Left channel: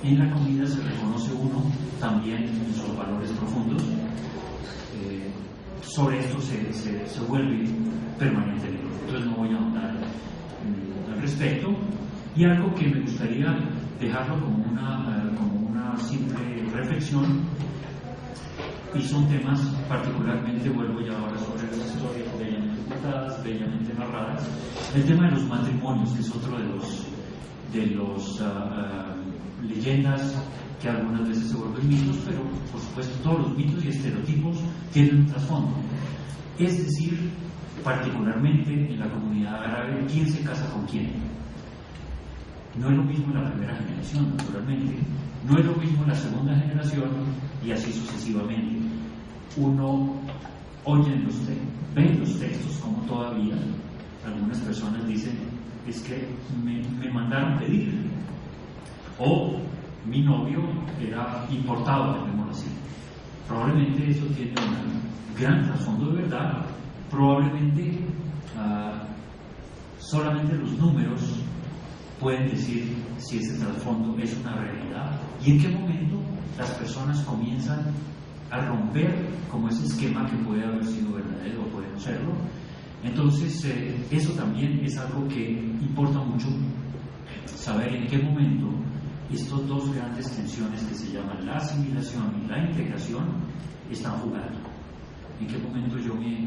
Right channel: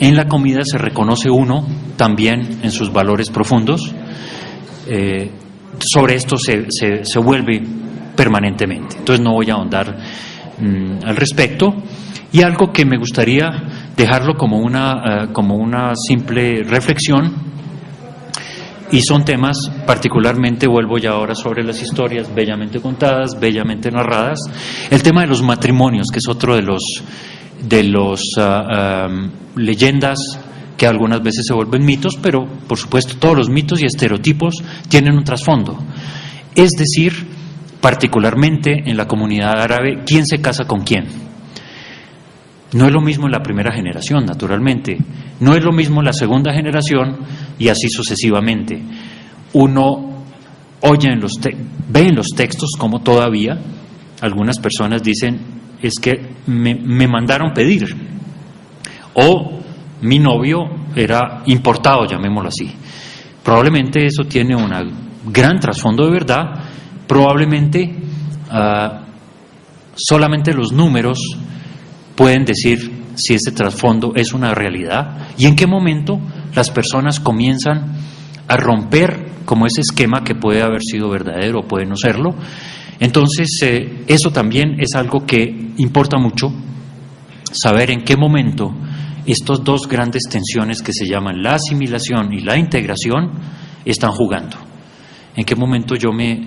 en la comida se reconoce uno también en sus valores profundos. Sobre esto se vuelve permanentemente. Entonces no voy a ahondar al respecto. Y algo que me gustaría dejarlo como una simple reflexión, y son temas particularmente, vuelvo ya ahora sobre las historias bellamente contadas, bellamente narradas, el tema de los matrimonios, que es otro de los leyendas que algunas veces se vuelven mitos, pero por supuesto todos los mitos y estereotipos tienen un trasfondo. Es decir, particularmente en la comunidad árabe, ¿quién se casa con quién? No es lo mismo en la primera generación, naturalmente. No es lo mismo en la segunda generación y así sucesivamente. Uno oye ve en los textos como todavía algunas personas dicen, es que me mandaron pedir, o mi novio era importado, llamémoslo así. Probablemente eso tiene un gran trasfondo de verdad. Probablemente solamente los números pueden decir si ese trasfondo es una realidad y en qué momento las personas comienzan a romper como ese esquema que puede haber sido verdadero o puede no serlo. Entonces eso también es algo que importa mucho, saber en qué momento estas dos grandes tensiones que se llaman la asimilación y la integración están jugando. En qué momento yo me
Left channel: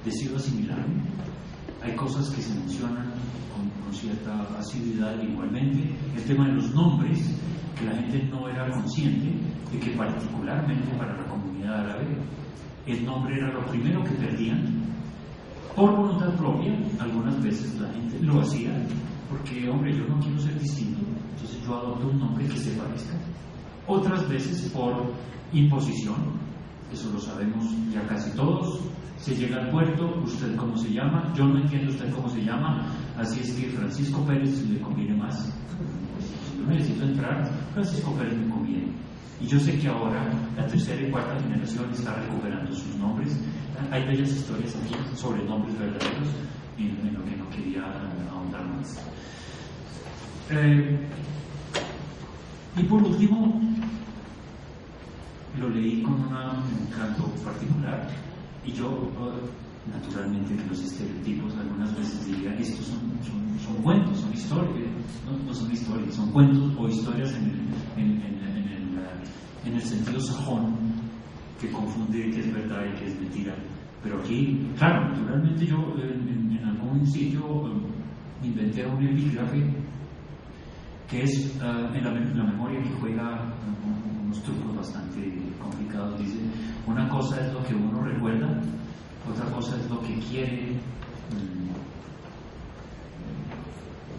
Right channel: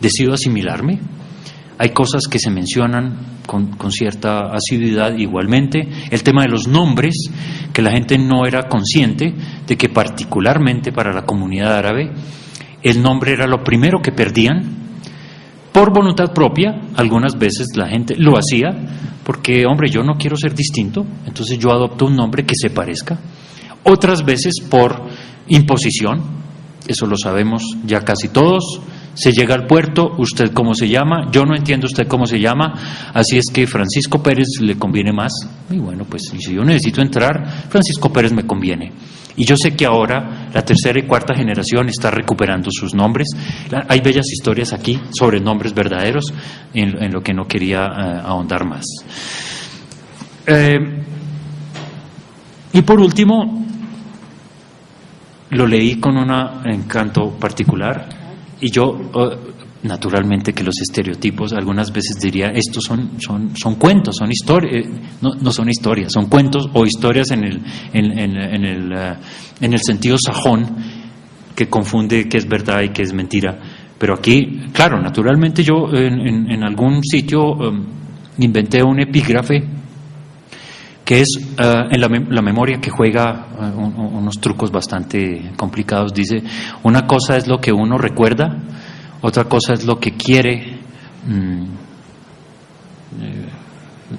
decido asimilarme. Hay cosas que se mencionan con cierta asiduidad igualmente. El tema de los nombres, que la gente no era consciente de que particularmente para la comunidad árabe el nombre era lo primero que perdían por voluntad propia. Algunas veces la gente lo hacía porque, hombre, yo no quiero ser distinto, entonces yo adopto un nombre que se parezca. Otras veces por imposición, eso lo sabemos ya casi todos. Se llega al puerto, ¿usted cómo se llama? Yo no entiendo usted cómo se llama, así es que Francisco Pérez le conviene más. Y bueno, pues si yo necesito entrar, Francisco Pérez me conviene. Y yo sé que ahora la tercera y cuarta generación está recuperando sus nombres. Hay bellas historias aquí sobre nombres verdaderos, en lo que no quería ahondar más. Y por último, lo leí con un encanto particular. Y yo, naturalmente que los estereotipos, algunas veces diría, estos son cuentos, son historias, no son historias, son cuentos o historias en el sentido sajón, que confunde qué es verdad y qué es mentira. Pero aquí, claro, naturalmente yo en algún sitio inventé un epígrafe que es en la memoria, que juega unos trucos bastante complicados. Dice, una cosa es lo que uno recuerda, otra cosa es lo que quiere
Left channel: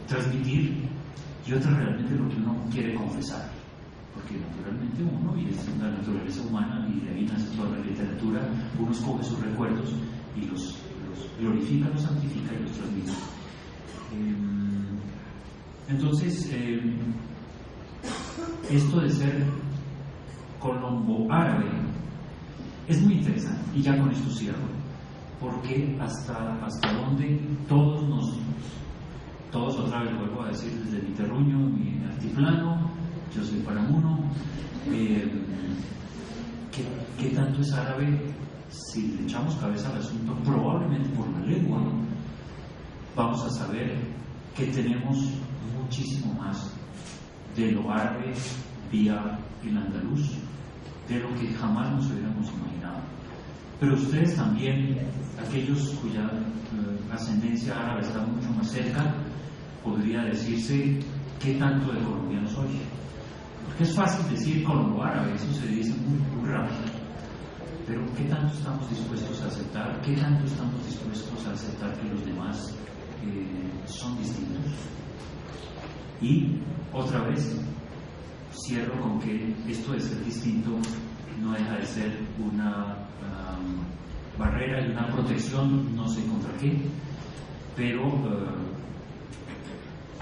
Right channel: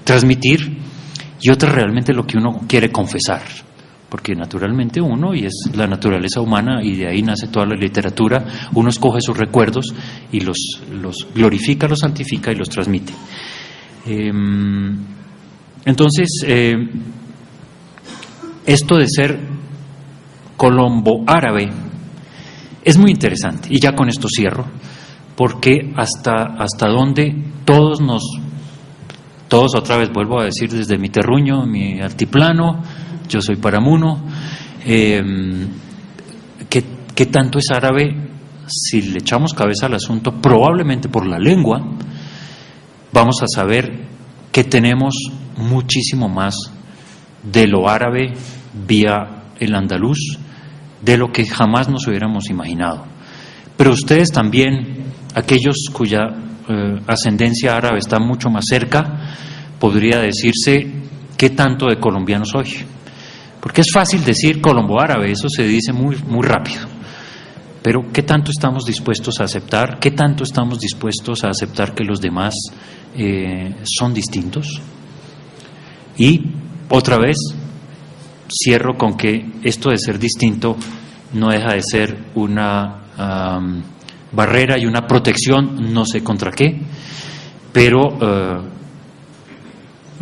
transmitir, y otra realmente lo que uno quiere confesar, porque naturalmente uno, y es la naturaleza humana, y de ahí nace toda la literatura, uno escoge sus recuerdos y los glorifica, los santifica y los transmite. Entonces, esto de ser colombo-árabe es muy interesante, y ya con esto cierro, porque hasta donde todos otra vez vuelvo a decir desde mi terruño, mi altiplano, yo soy paramuno, ¿qué tanto es árabe? Si le echamos cabeza al asunto, probablemente por la lengua, vamos a saber que tenemos muchísimo más de lo árabe vía el andaluz, de lo que jamás nos hubiéramos imaginado. Pero ustedes también, aquellos cuya ascendencia árabe está mucho más cerca, podría decirse, ¿qué tanto de colombiano soy? Porque es fácil decir colombo-árabe, eso se dice muy, muy rápido. Pero ¿qué tanto estamos dispuestos a aceptar? ¿Qué tanto estamos dispuestos a aceptar que los demás son distintos? Y otra vez cierro con que esto de ser distinto no deja de ser una barrera y una protección, no sé contra qué, pero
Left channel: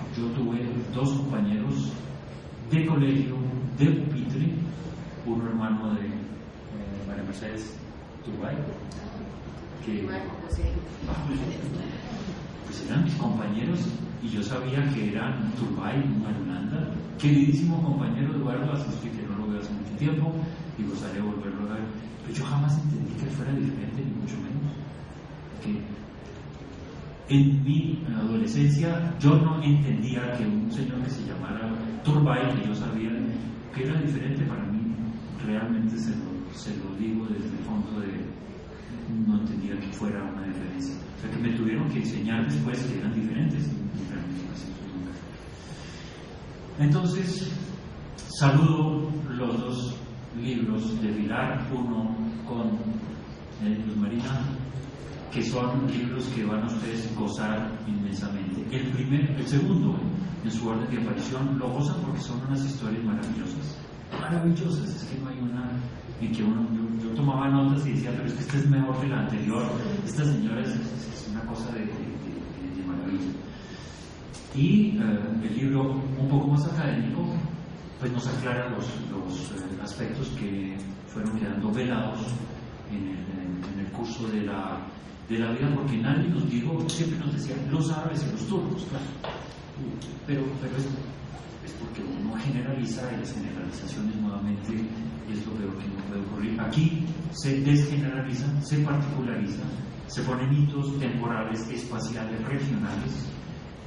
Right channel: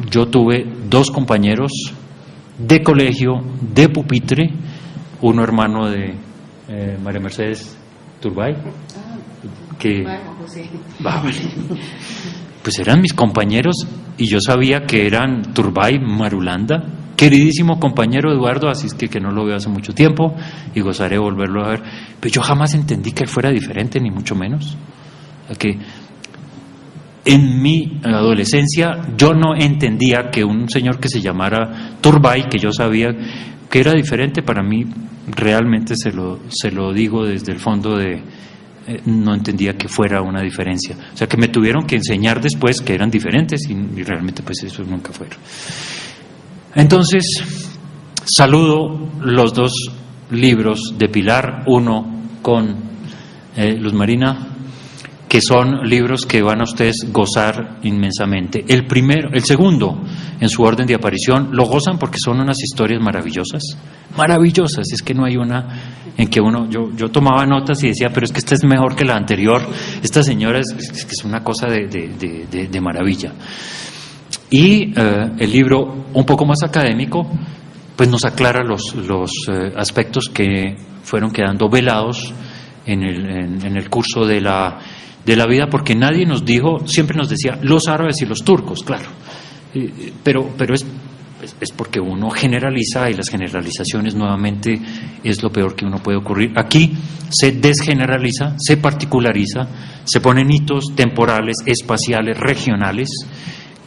yo tuve dos compañeros de colegio, de pupitre, uno hermano de María Mercedes Turbay, que vale, pues eran mis compañeros, y yo sabía que eran Turbay, Marulanda, queridísimo compañero Eduardo, así es que no lo veo hace mucho tiempo y gozaré de volverlo a ver, pero yo jamás entendí que él fuera diferente, ni mucho menos. Que en mi adolescencia yo no entendía que un señor que se llamara Turbay, que yo sabía que era diferente, para mí realmente se lo digo desde el fondo de no entendía que fuera una diferencia, o sea que me tuvieron que enseñar después que eran diferentes y realmente pues eso nunca fue. Entonces saludo los dos libros de Pilar, uno con Luz Marina, que son libros que van a ustedes gozar inmensamente. El segundo, en su orden de aparición, lo gozan porque son unas historias maravillosas, es que no hay una en que yo tomaba notas y decía, pero es que esta es mejor que la anterior, esta señora es una cosa de maravilla. Y el libro, un poco más académico, pues nos aclara los aspectos que fueron quedando velados en el curso de la vida, porque nadie nos dijo, siempre nos decía los árabes y los turcos, claro, pero es porque uno generaliza y las generalizaciones nuevamente es lo peor que uno puede ocurrir. Aquí se desgeneraliza, se particulariza, se ponen hitos temporales, espaciales, regionales,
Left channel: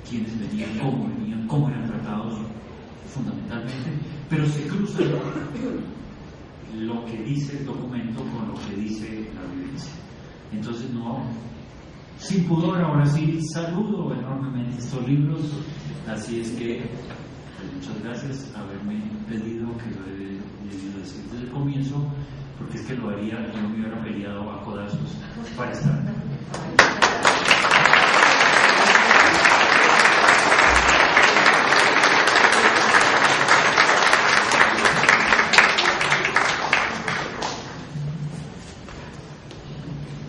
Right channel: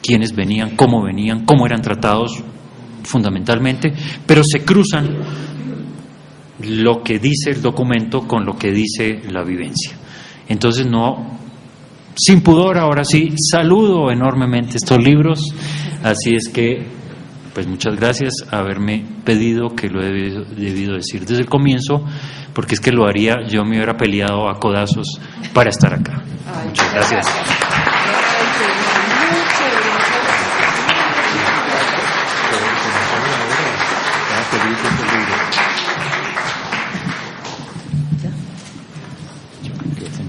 quiénes venían, cómo eran tratados fundamentalmente, pero se cruzan lo que dice el documento con lo que dice la vivencia. Entonces, sin pudor, ahora sí, saludo enormemente estos libros, así es que, pues muchas gracias haberme pedido, que lo he debido decir desde el comienzo, porque es que lo haría, yo me hubiera peleado a codazos para estar acá. Muchas gracias.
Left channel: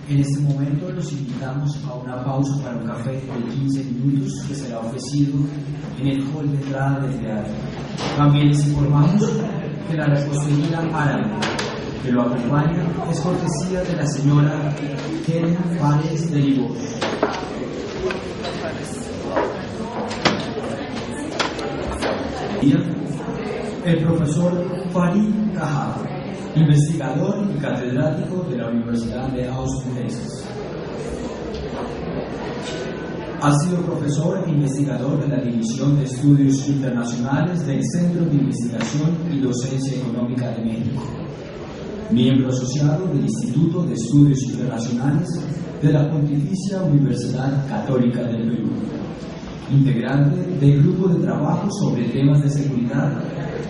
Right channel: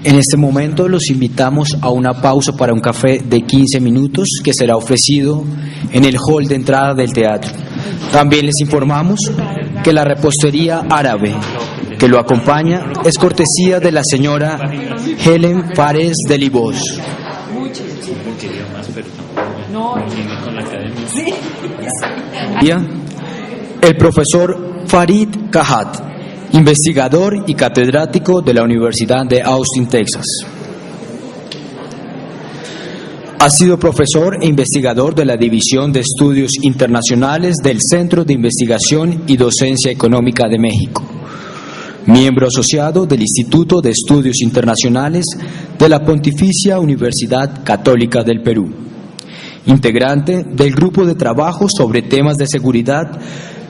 En este momento los invitamos a una pausa para un café de 15 minutos que será ofrecido en el hall de entrada del teatro. También les informamos que la repostería árabe que lo acompaña es cortesía de la señora Helen Fares de Libos. El profesor Farid Kahat, investigador y catedrático de la Universidad de Austin, Texas. Ha sido profesor e investigador de la División de Estudios Internacionales del Centro de Investigación y Docencia Económica de México. Miembro asociado del Instituto de Estudios Internacionales de la Pontificia Universidad Católica del Perú. Integrante del Grupo de Trabajo sobre Temas de Seguridad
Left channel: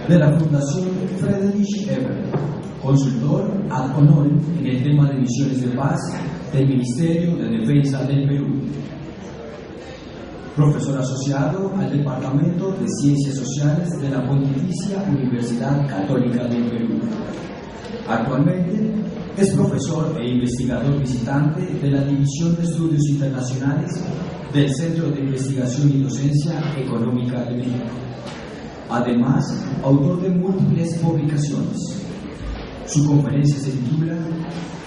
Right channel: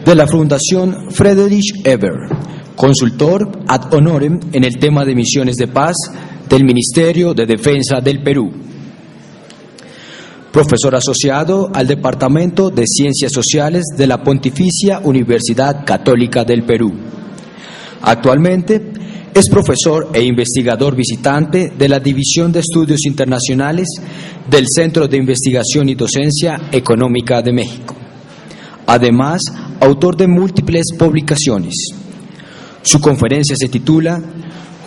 de la Fundación Friedrich Ebert. Consultor ad honorem en el tema de misiones de paz del Ministerio de Defensa del Perú. Profesor asociado al Departamento de Ciencias Sociales de la Pontificia Universidad Católica del Perú. Actualmente es profesor e investigador visitante de la División de Estudios Internacionales del Centro de Investigación y Docencia Económica de México. Además, autor de múltiples publicaciones. Su conferencia se titula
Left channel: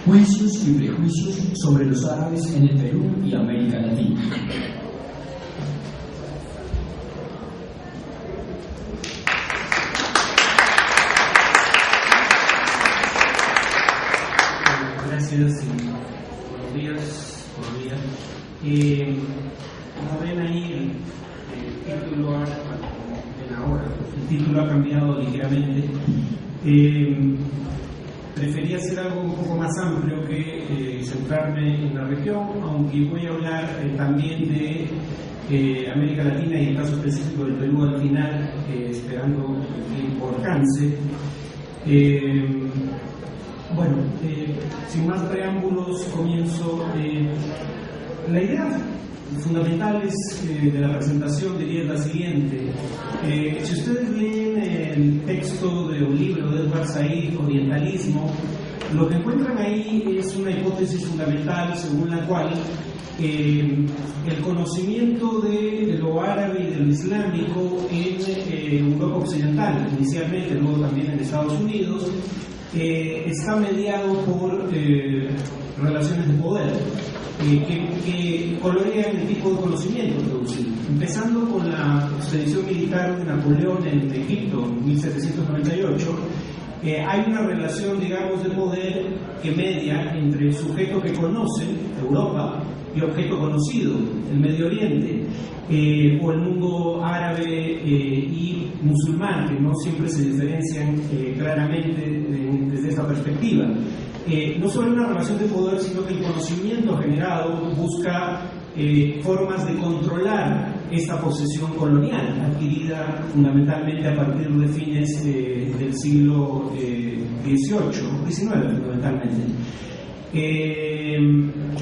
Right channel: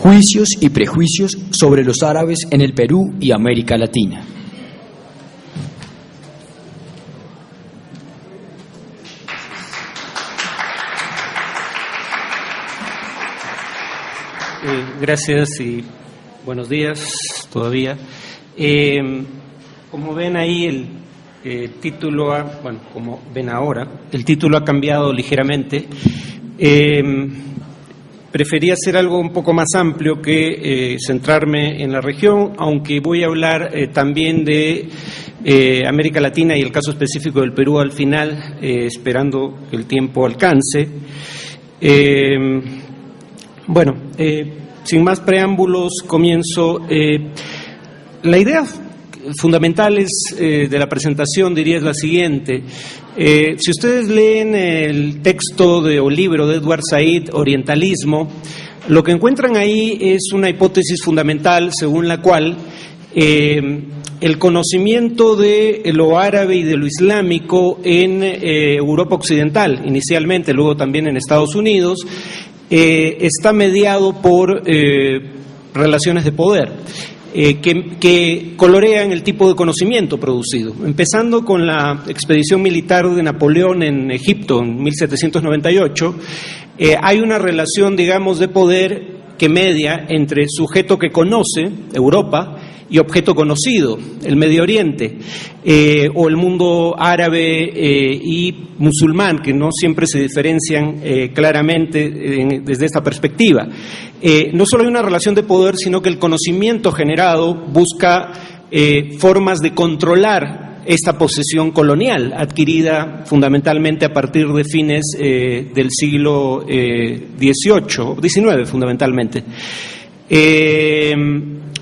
Juicios y prejuicios sobre los árabes en el Perú y América Latina. Gracias y buenos días todavía. Como ven ahí el título, como ven ahora, el título ha cambiado ligeramente. Preferí hacer algo un poco más amplio que centrarme en la región, aunque voy a hablar también de América Latina y el caso específico del Perú al final, esperando que el tiempo alcance. Sin más preámbulos, comienzo. La idea fundamental de la presentación, diría, es la siguiente. Si ustedes leen el texto o libro de Edward Said, Orientalismo, lo que encuentran ahí es una hipótesis fundamental según la cual el conocimiento de lo árabe y de lo islámico en Europa Occidental, inicialmente, luego también en Estados Unidos, está mediado por relaciones de poder. que colorean el tipo de conocimiento producido. Empezando con la expedición militar de Napoleón en Egipto en 1798, hay una relación, digamos, de poder que media entre el sujeto que conoce, Europa, y objeto conocido, el Medio Oriente, o el mundo árabe y musulmán, que no siempre se diferencian claramente desde esta perspectiva. No solo hay una relación de poder, sino que el conocimiento generado busca formas de controlar esta posesión colonial, adquirida fundamentalmente a partir de fines del siglo XIX fundamentalmente.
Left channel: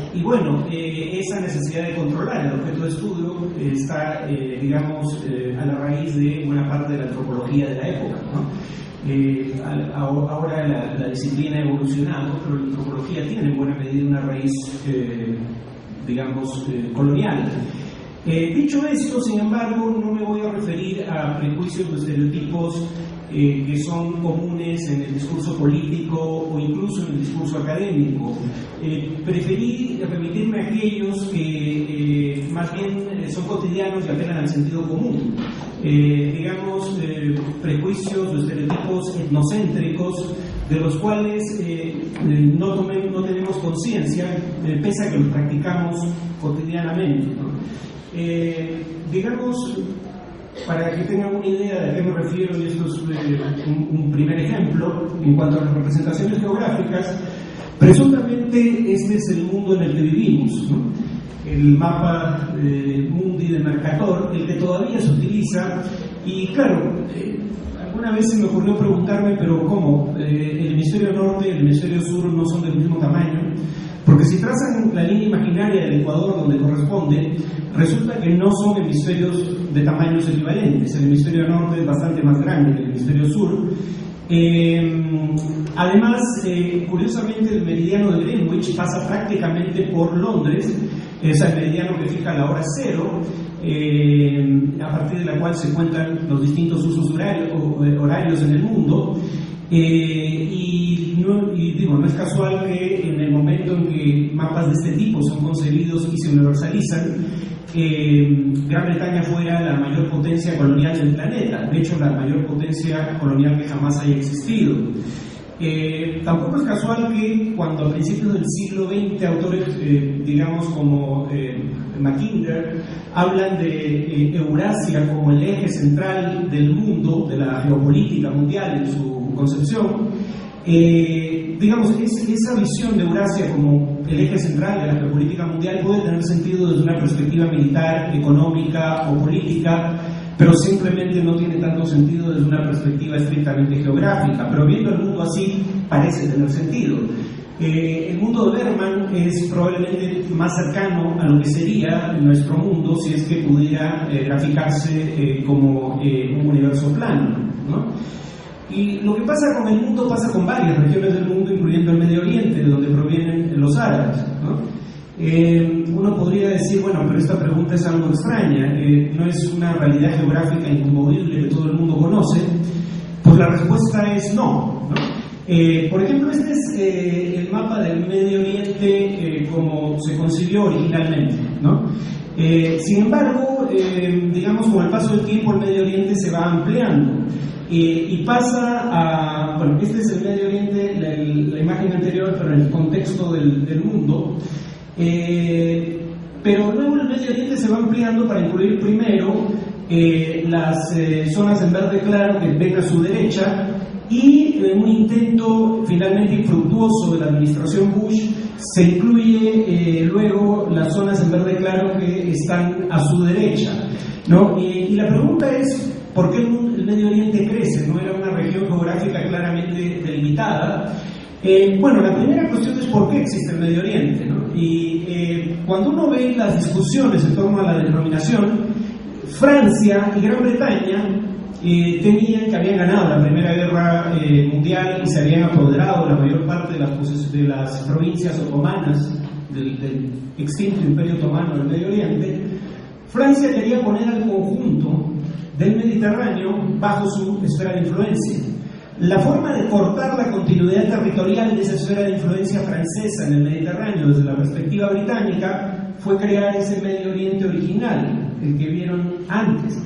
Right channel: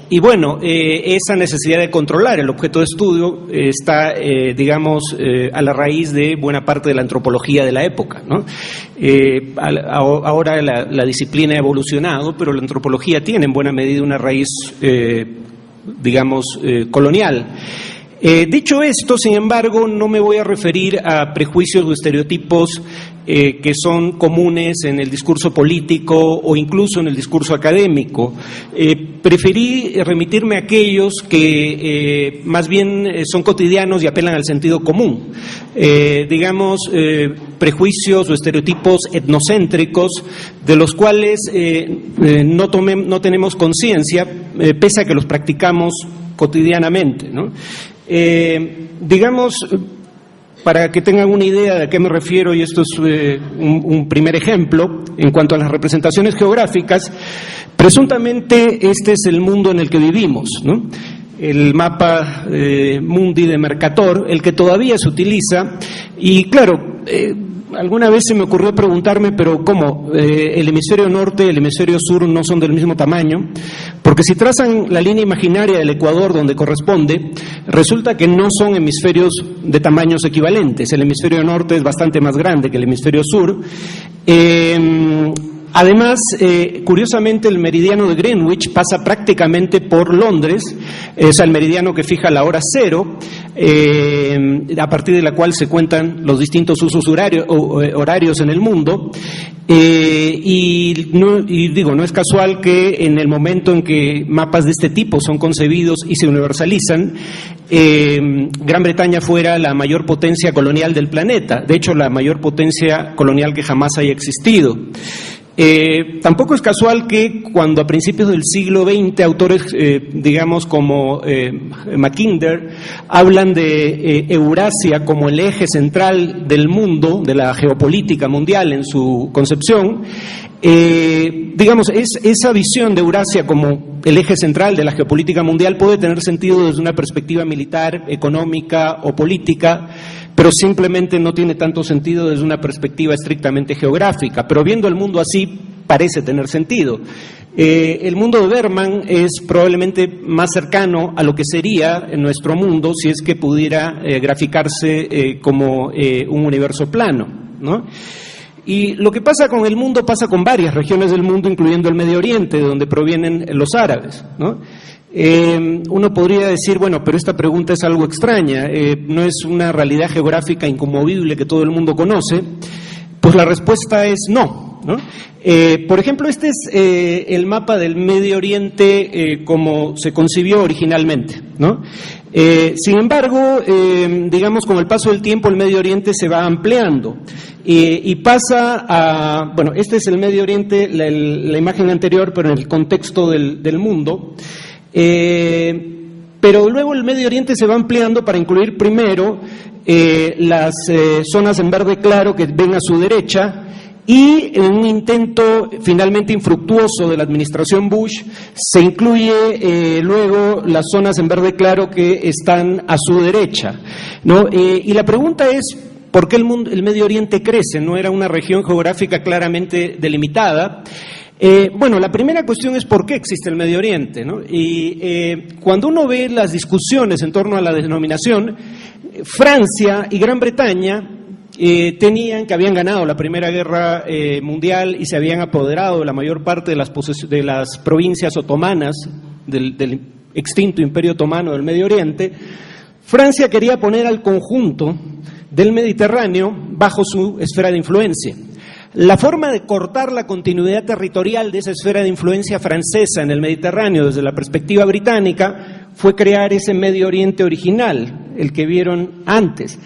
Y bueno, esa necesidad de controlar el objeto de estudio está, digamos, a la raíz de buena parte de la antropología de la época, ¿no? Ahora la disciplina ha evolucionado, pero la antropología tiene en buena medida una raíz, digamos, colonial. Dicho esto, sin embargo, no me voy a referir a prejuicios o estereotipos que son comunes en el discurso político o incluso en el discurso académico. Preferí remitirme a aquellos que más bien son cotidianos y apelan al sentido común. Digamos, prejuicios o estereotipos etnocéntricos de los cuales no tenemos conciencia, pese a que los practicamos cotidianamente, ¿no? Digamos, para que tengan una idea de a qué me refiero, y esto es un primer ejemplo, en cuanto a las representaciones geográficas, presuntamente este es el mundo en el que vivimos, ¿no? El mapa mundi de Mercator, el que todavía se utiliza, y claro, alguna vez se me ocurrió preguntarme, pero ¿cómo? ¿El hemisferio norte y el hemisferio sur no son del mismo tamaño? Porque si trazan la línea imaginaria del Ecuador donde corresponde, resulta que no son hemisferios de tamaños equivalentes. El hemisferio norte es bastante más grande que el hemisferio sur. Además, curiosamente, el meridiano de Greenwich pasa prácticamente por Londres, o sea, el meridiano que fija la hora cero, a partir de la cual se cuentan los distintos usos horarios en el mundo. No es casual que en el momento en que mapas de este tipo son concebidos y se universalizan, Gran Bretaña fuera la mayor potencia colonial del planeta, de hecho la mayor potencia colonial que jamás haya existido. Tampoco es casual que cuando a principios del siglo XX autores, digamos como Mackinder, hablan de Eurasia como el eje central del mundo, de la geopolítica mundial en su concepción, digamos, esa visión de Eurasia como el eje central de la geopolítica mundial puede tener sentido desde una perspectiva militar, económica o política, pero simplemente no tiene tanto sentido desde una perspectiva estrictamente geográfica. Pero viendo el mundo así, parece tener sentido. El mundo de Berman es probablemente más cercano a lo que sería nuestro mundo si es que pudiera graficarse como un universo plano, ¿no? Y lo que pasa con el mundo pasa con varias regiones del mundo, incluyendo el Medio Oriente, de donde provienen los árabes, ¿no? Uno podría decir, bueno, pero esta pregunta es algo extraña, no es una realidad geográfica inconmovible que todo el mundo conoce. Pues la respuesta es no, ¿no? Por ejemplo, este es el mapa del Medio Oriente como se concibió originalmente, ¿no? Sin embargo, digamos, con el paso del tiempo el Medio Oriente se va ampliando y pasa a, bueno, este es el Medio Oriente, la imagen anterior, pero en el contexto del mundo. Pero luego el Medio Oriente se va ampliando para incluir primero las zonas en verde claro que ven a su derecha, y en un intento finalmente infructuoso de la administración Bush se incluye luego las zonas en verde claro que están a su derecha, ¿no? Y la pregunta es, ¿por qué el Medio Oriente crece? No era una región geográfica claramente delimitada. Bueno, la primera cuestión es por qué existe el Medio Oriente, ¿no? Y cuando uno ve las discusiones en torno a la denominación, Francia y Gran Bretaña que habían ganado la Primera Guerra Mundial y se habían apoderado de la mayor parte de las provincias otomanas del extinto Imperio Otomano del Medio Oriente. Francia quería poner al conjunto del Mediterráneo bajo su esfera de influencia. La forma de cortar la continuidad territorial de esa esfera de influencia francesa en el Mediterráneo desde la perspectiva británica fue crear ese Medio Oriente original, el que vieron antes.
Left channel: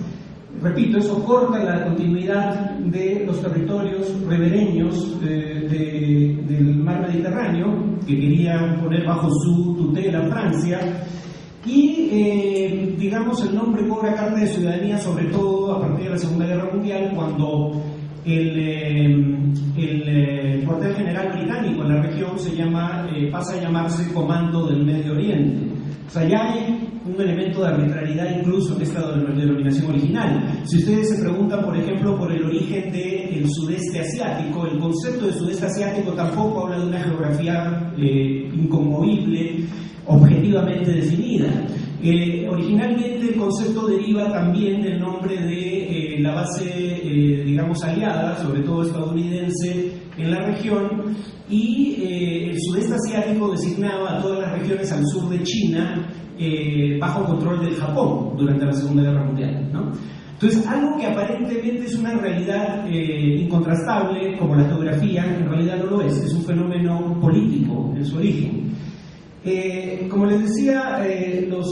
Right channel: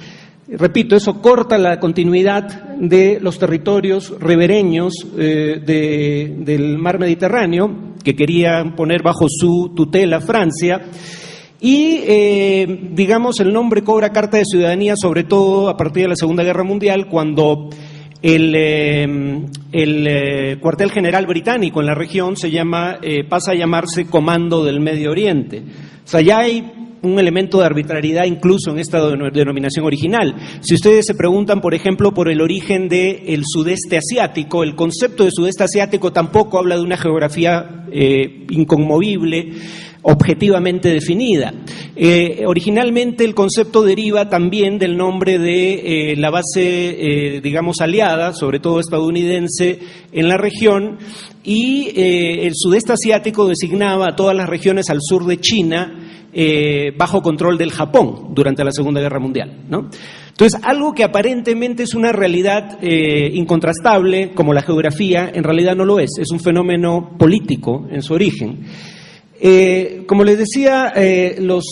Repito, eso corta la continuidad de los territorios ribereños del mar Mediterráneo, que quería poner bajo su tutela Francia, y digamos el nombre cobra carta de ciudadanía sobre todo a partir de la Segunda Guerra Mundial, cuando el cuartel general británico en la región pasa a llamarse Comando del Medio Oriente. O sea, ya hay un elemento de arbitrariedad incluso en esta denominación original. Si ustedes se preguntan, por ejemplo, por el origen del sudeste asiático, el concepto de sudeste asiático tampoco habla de una geografía inconmovible, objetivamente definida. Originalmente el concepto deriva también del nombre de la base, digamos, aliada, sobre todo estadounidense, en la región, y el sudeste asiático designaba a todas las regiones al sur de China bajo control del Japón durante la Segunda Guerra Mundial, ¿no? Entonces, algo que aparentemente es una realidad incontrastable, como la geografía, en realidad no lo es un fenómeno político en su origen. Como les decía, las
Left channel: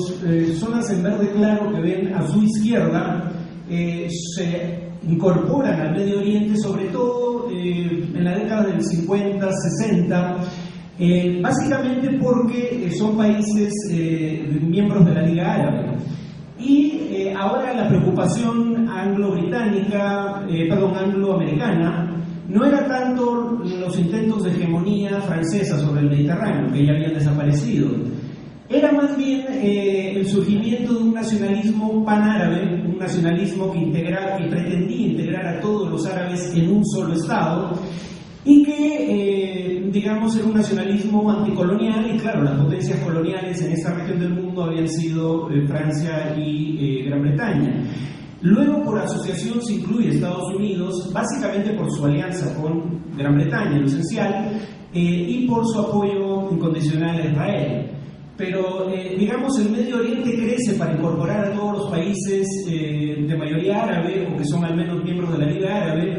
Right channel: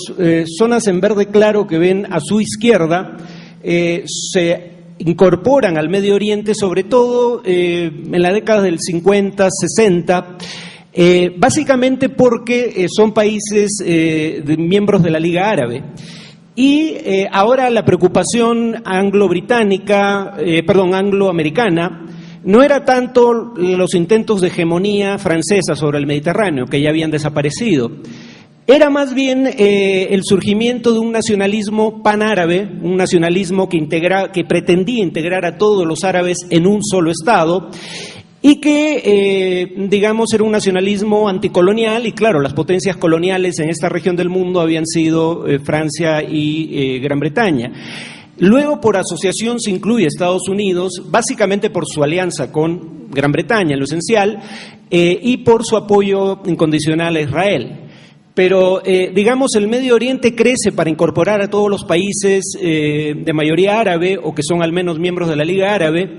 zonas en verde claro que ven a su izquierda se incorporan al Medio Oriente, sobre todo en la década del 50, 60, básicamente porque son países miembros de la Liga Árabe. Y ahora la preocupación angloamericana no era tanto los intentos de hegemonía francesa sobre el Mediterráneo, que ya habían desaparecido. Era más bien el surgimiento de un nacionalismo panárabe, un nacionalismo que pretendía integrar a todos los árabes en un solo Estado, y que, digamos, era un nacionalismo anticolonial, y claro, las potencias coloniales en esta región del mundo habían sido Francia y Gran Bretaña. Luego, por asociación, se incluye Estados Unidos, básicamente por su alianza con Gran Bretaña, en lo esencial, y por su apoyo incondicional a Israel. Pero, digamos, el Medio Oriente crece para incorporar a todos los países de mayoría árabe, o que son al menos miembros de la Liga Árabe,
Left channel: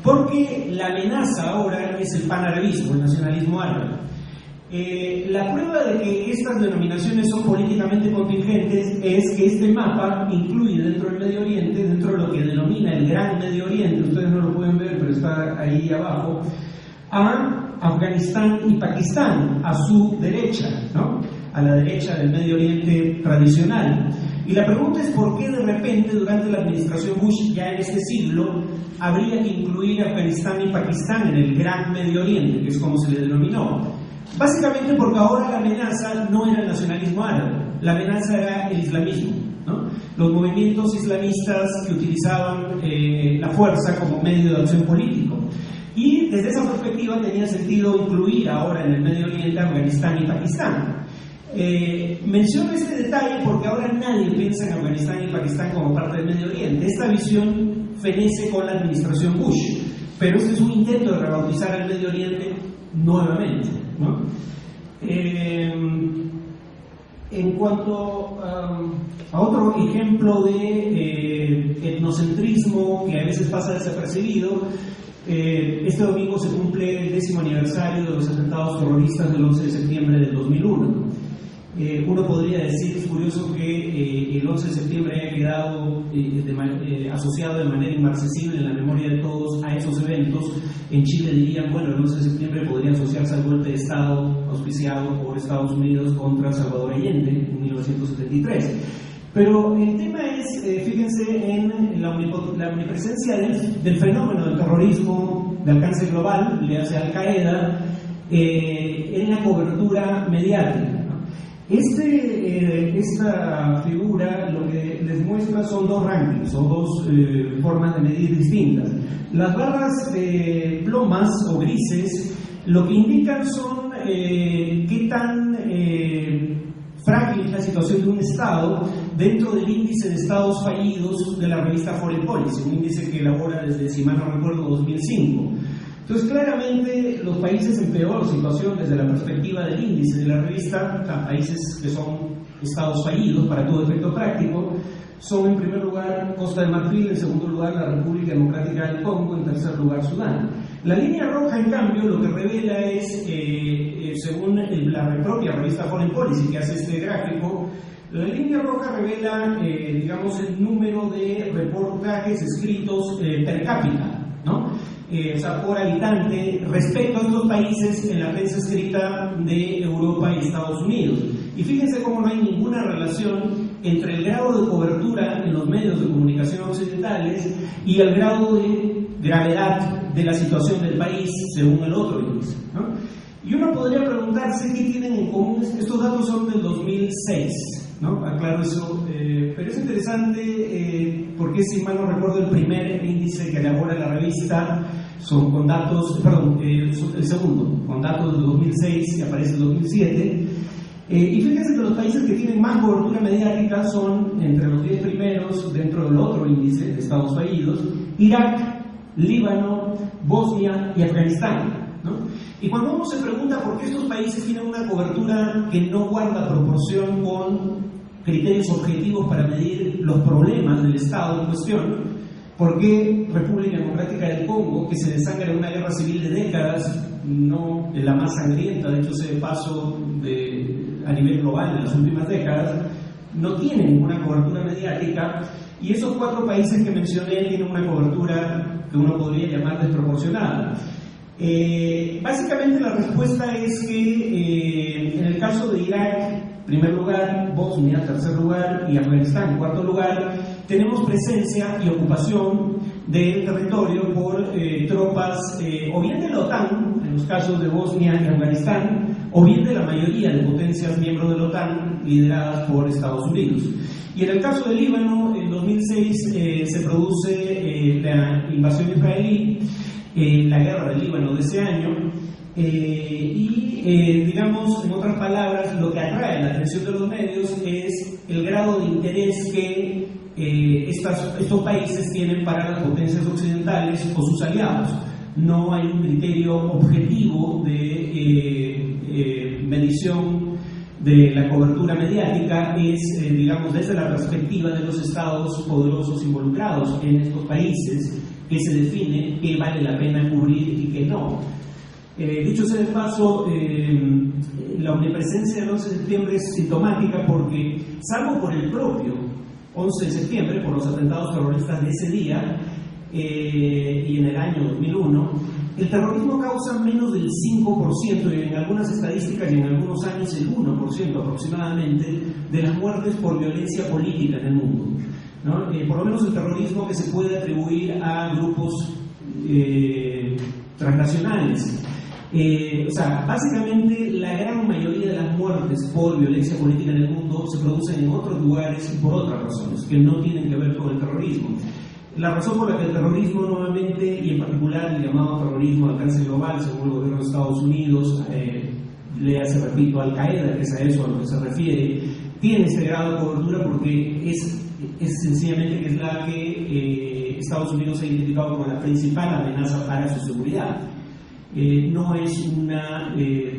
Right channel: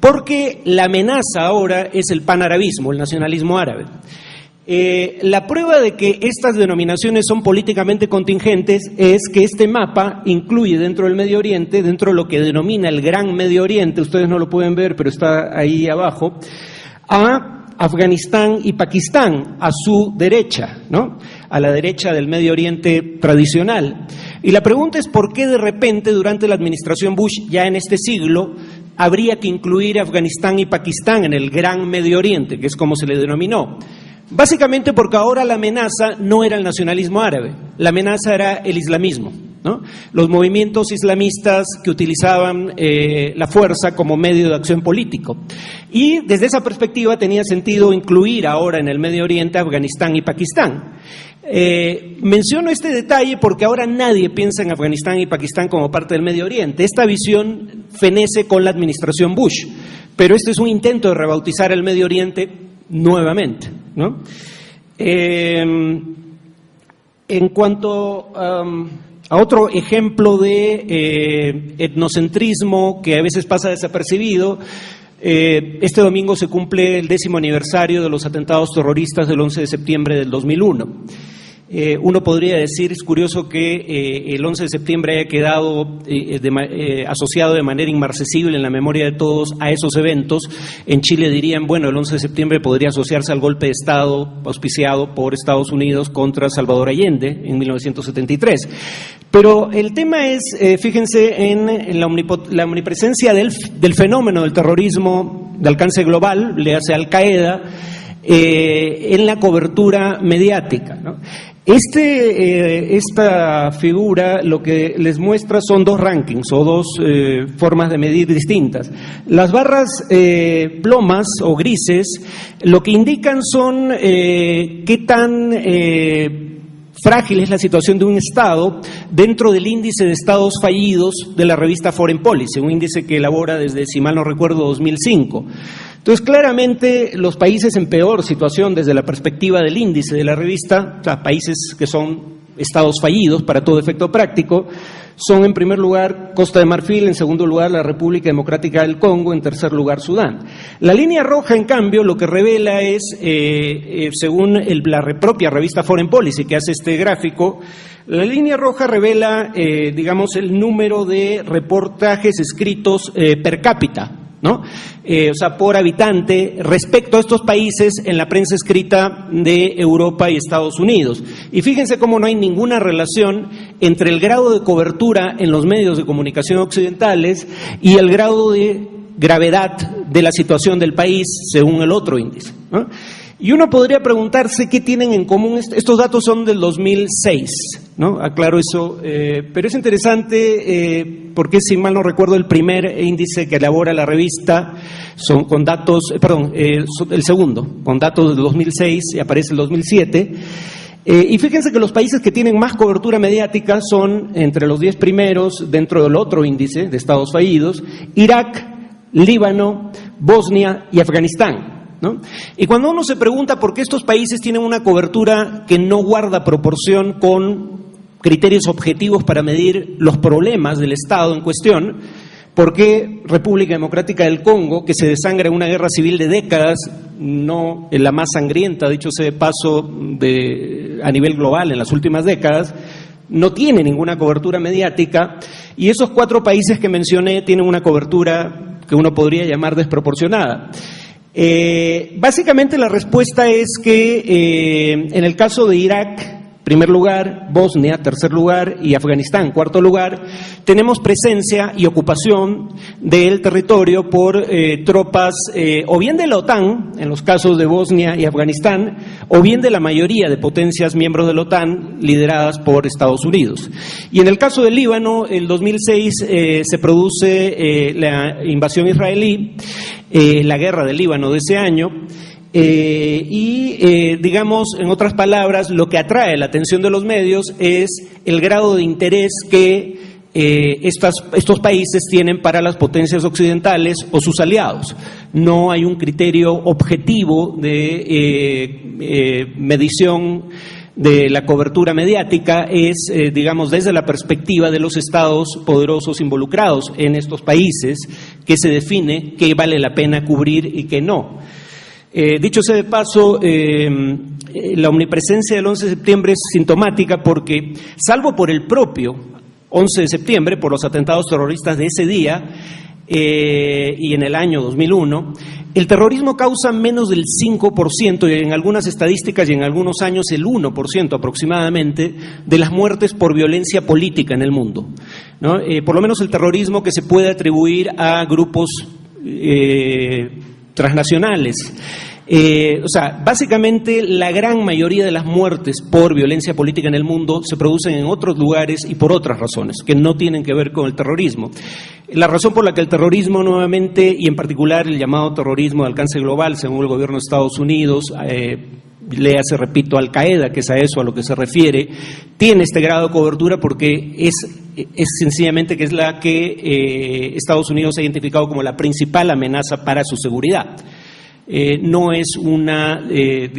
porque la amenaza ahora es el panarabismo, el nacionalismo árabe. La prueba de que estas denominaciones son políticamente contingentes es que este mapa incluye dentro del Medio Oriente, dentro de lo que denomina el Gran Medio Oriente, ustedes no lo pueden ver, pero está ahí abajo, a Afganistán y Pakistán, a su derecha, ¿no? A la derecha del Medio Oriente tradicional. Y la pregunta es por qué de repente durante la administración Bush, ya en este siglo, habría que incluir a Afganistán y Pakistán en el Gran Medio Oriente, que es como se le denominó. Básicamente porque ahora la amenaza no era el nacionalismo árabe, la amenaza era el islamismo, ¿no? Los movimientos islamistas que utilizaban la fuerza como medio de acción político. Y desde esa perspectiva tenía sentido incluir ahora en el Medio Oriente a Afganistán y Pakistán. Menciono este detalle porque ahora nadie piensa en Afganistán y Pakistán como parte del Medio Oriente. Esta visión fenece con la administración Bush, pero este es un intento de rebautizar el Medio Oriente nuevamente, ¿no? En cuanto a otro ejemplo de etnocentrismo que a veces pasa desapercibido, este domingo se cumple el 10º aniversario de los atentados terroristas del 11 de septiembre del 2001. Uno podría decir, es curioso que el 11 de septiembre haya quedado asociado de manera inmarcesible en la memoria de todos a esos eventos. En Chile dirían, bueno, el 11 de septiembre podría asociarse al golpe de Estado auspiciado por Estados Unidos contra Salvador Allende en 1973. Pero el tema es, fíjense en la omnipresencia del fenómeno del terrorismo de alcance global, le hace Al-Qaeda, en la cobertura mediática, ¿no? Esta figura lo que les muestra son dos rankings o dos formas de medir distintas. Las barras plomas o grises lo que indican son qué tan frágil es la situación de un Estado dentro del índice de estados fallidos de la revista Foreign Policy, un índice que elabora desde, si mal no recuerdo, 2005. Entonces, claramente, los países en peor situación desde la perspectiva del índice de la revista, o sea, países que son estados fallidos para todo efecto práctico, son en primer lugar Costa de Marfil, en segundo lugar la República Democrática del Congo, en tercer lugar Sudán. La línea roja, en cambio, lo que revela es, según la propia revista Foreign Policy, que hace este gráfico, la línea roja revela, digamos, el número de reportajes escritos per cápita, ¿no? O sea, por habitante respecto a estos países en la prensa escrita de Europa y Estados Unidos. Y fíjense cómo no hay ninguna relación entre el grado de cobertura en los medios de comunicación occidentales y el grado de gravedad de la situación del país según el otro índice, ¿no? Y uno podría preguntarse qué tienen en común. Estos datos son del 2006, ¿no? Aclaro eso, pero es interesante porque, si mal no recuerdo, el primer índice que elabora la revista son con datos, el segundo, con datos del 2006, y aparece el 2007. Y fíjense que los países que tienen más cobertura mediática son, entre los 10 primeros, dentro del otro índice de estados fallidos, Irak, Líbano, Bosnia y Afganistán, ¿no? Y cuando uno se pregunta por qué estos países tienen una cobertura que no guarda proporción con criterios objetivos para medir los problemas del Estado en cuestión, ¿por qué República Democrática del Congo, que se desangra en una guerra civil de décadas, no en la más sangrienta, dicho sea de paso, a nivel global en las últimas décadas, no tiene ninguna cobertura mediática? Y esos 4 países que mencioné tienen una cobertura que uno podría llamar desproporcionada. Básicamente la respuesta es que en el caso de Irak, primer lugar, Bosnia, tercer lugar, y Afganistán, cuarto lugar, tenemos presencia y ocupación del territorio por tropas o bien de la OTAN, en los casos de Bosnia y Afganistán, o bien de la mayoría de potencias miembros de la OTAN lideradas por Estados Unidos. Y en el caso del Líbano, en 2006 se produce la invasión israelí, la guerra del Líbano de ese año, digamos, en otras palabras, lo que atrae la atención de los medios es el grado de interés que estos países tienen para las potencias occidentales o sus aliados. No hay un criterio objetivo de medición de la cobertura mediática, es, digamos, desde la perspectiva de los estados poderosos involucrados en estos países, que se define qué vale la pena cubrir y qué no. Dicho sea de paso, la omnipresencia del 11 de septiembre es sintomática porque, salvo por el propio 11 de septiembre, por los atentados terroristas de ese día y en el año 2001, el terrorismo causa menos del 5%, y en algunas estadísticas y en algunos años el 1% aproximadamente, de las muertes por violencia política en el mundo, ¿no? Por lo menos el terrorismo que se puede atribuir a grupos transnacionales. O sea, básicamente la gran mayoría de las muertes por violencia política en el mundo se producen en otros lugares y por otras razones que no tienen que ver con el terrorismo. La razón por la que el terrorismo nuevamente, y en particular el llamado terrorismo de alcance global, según el gobierno de Estados Unidos, léase, repito, Al-Qaeda, que es a eso a lo que se refiere, tiene este grado de cobertura porque es sencillamente que es la que Estados Unidos ha identificado como la principal amenaza para su seguridad. No es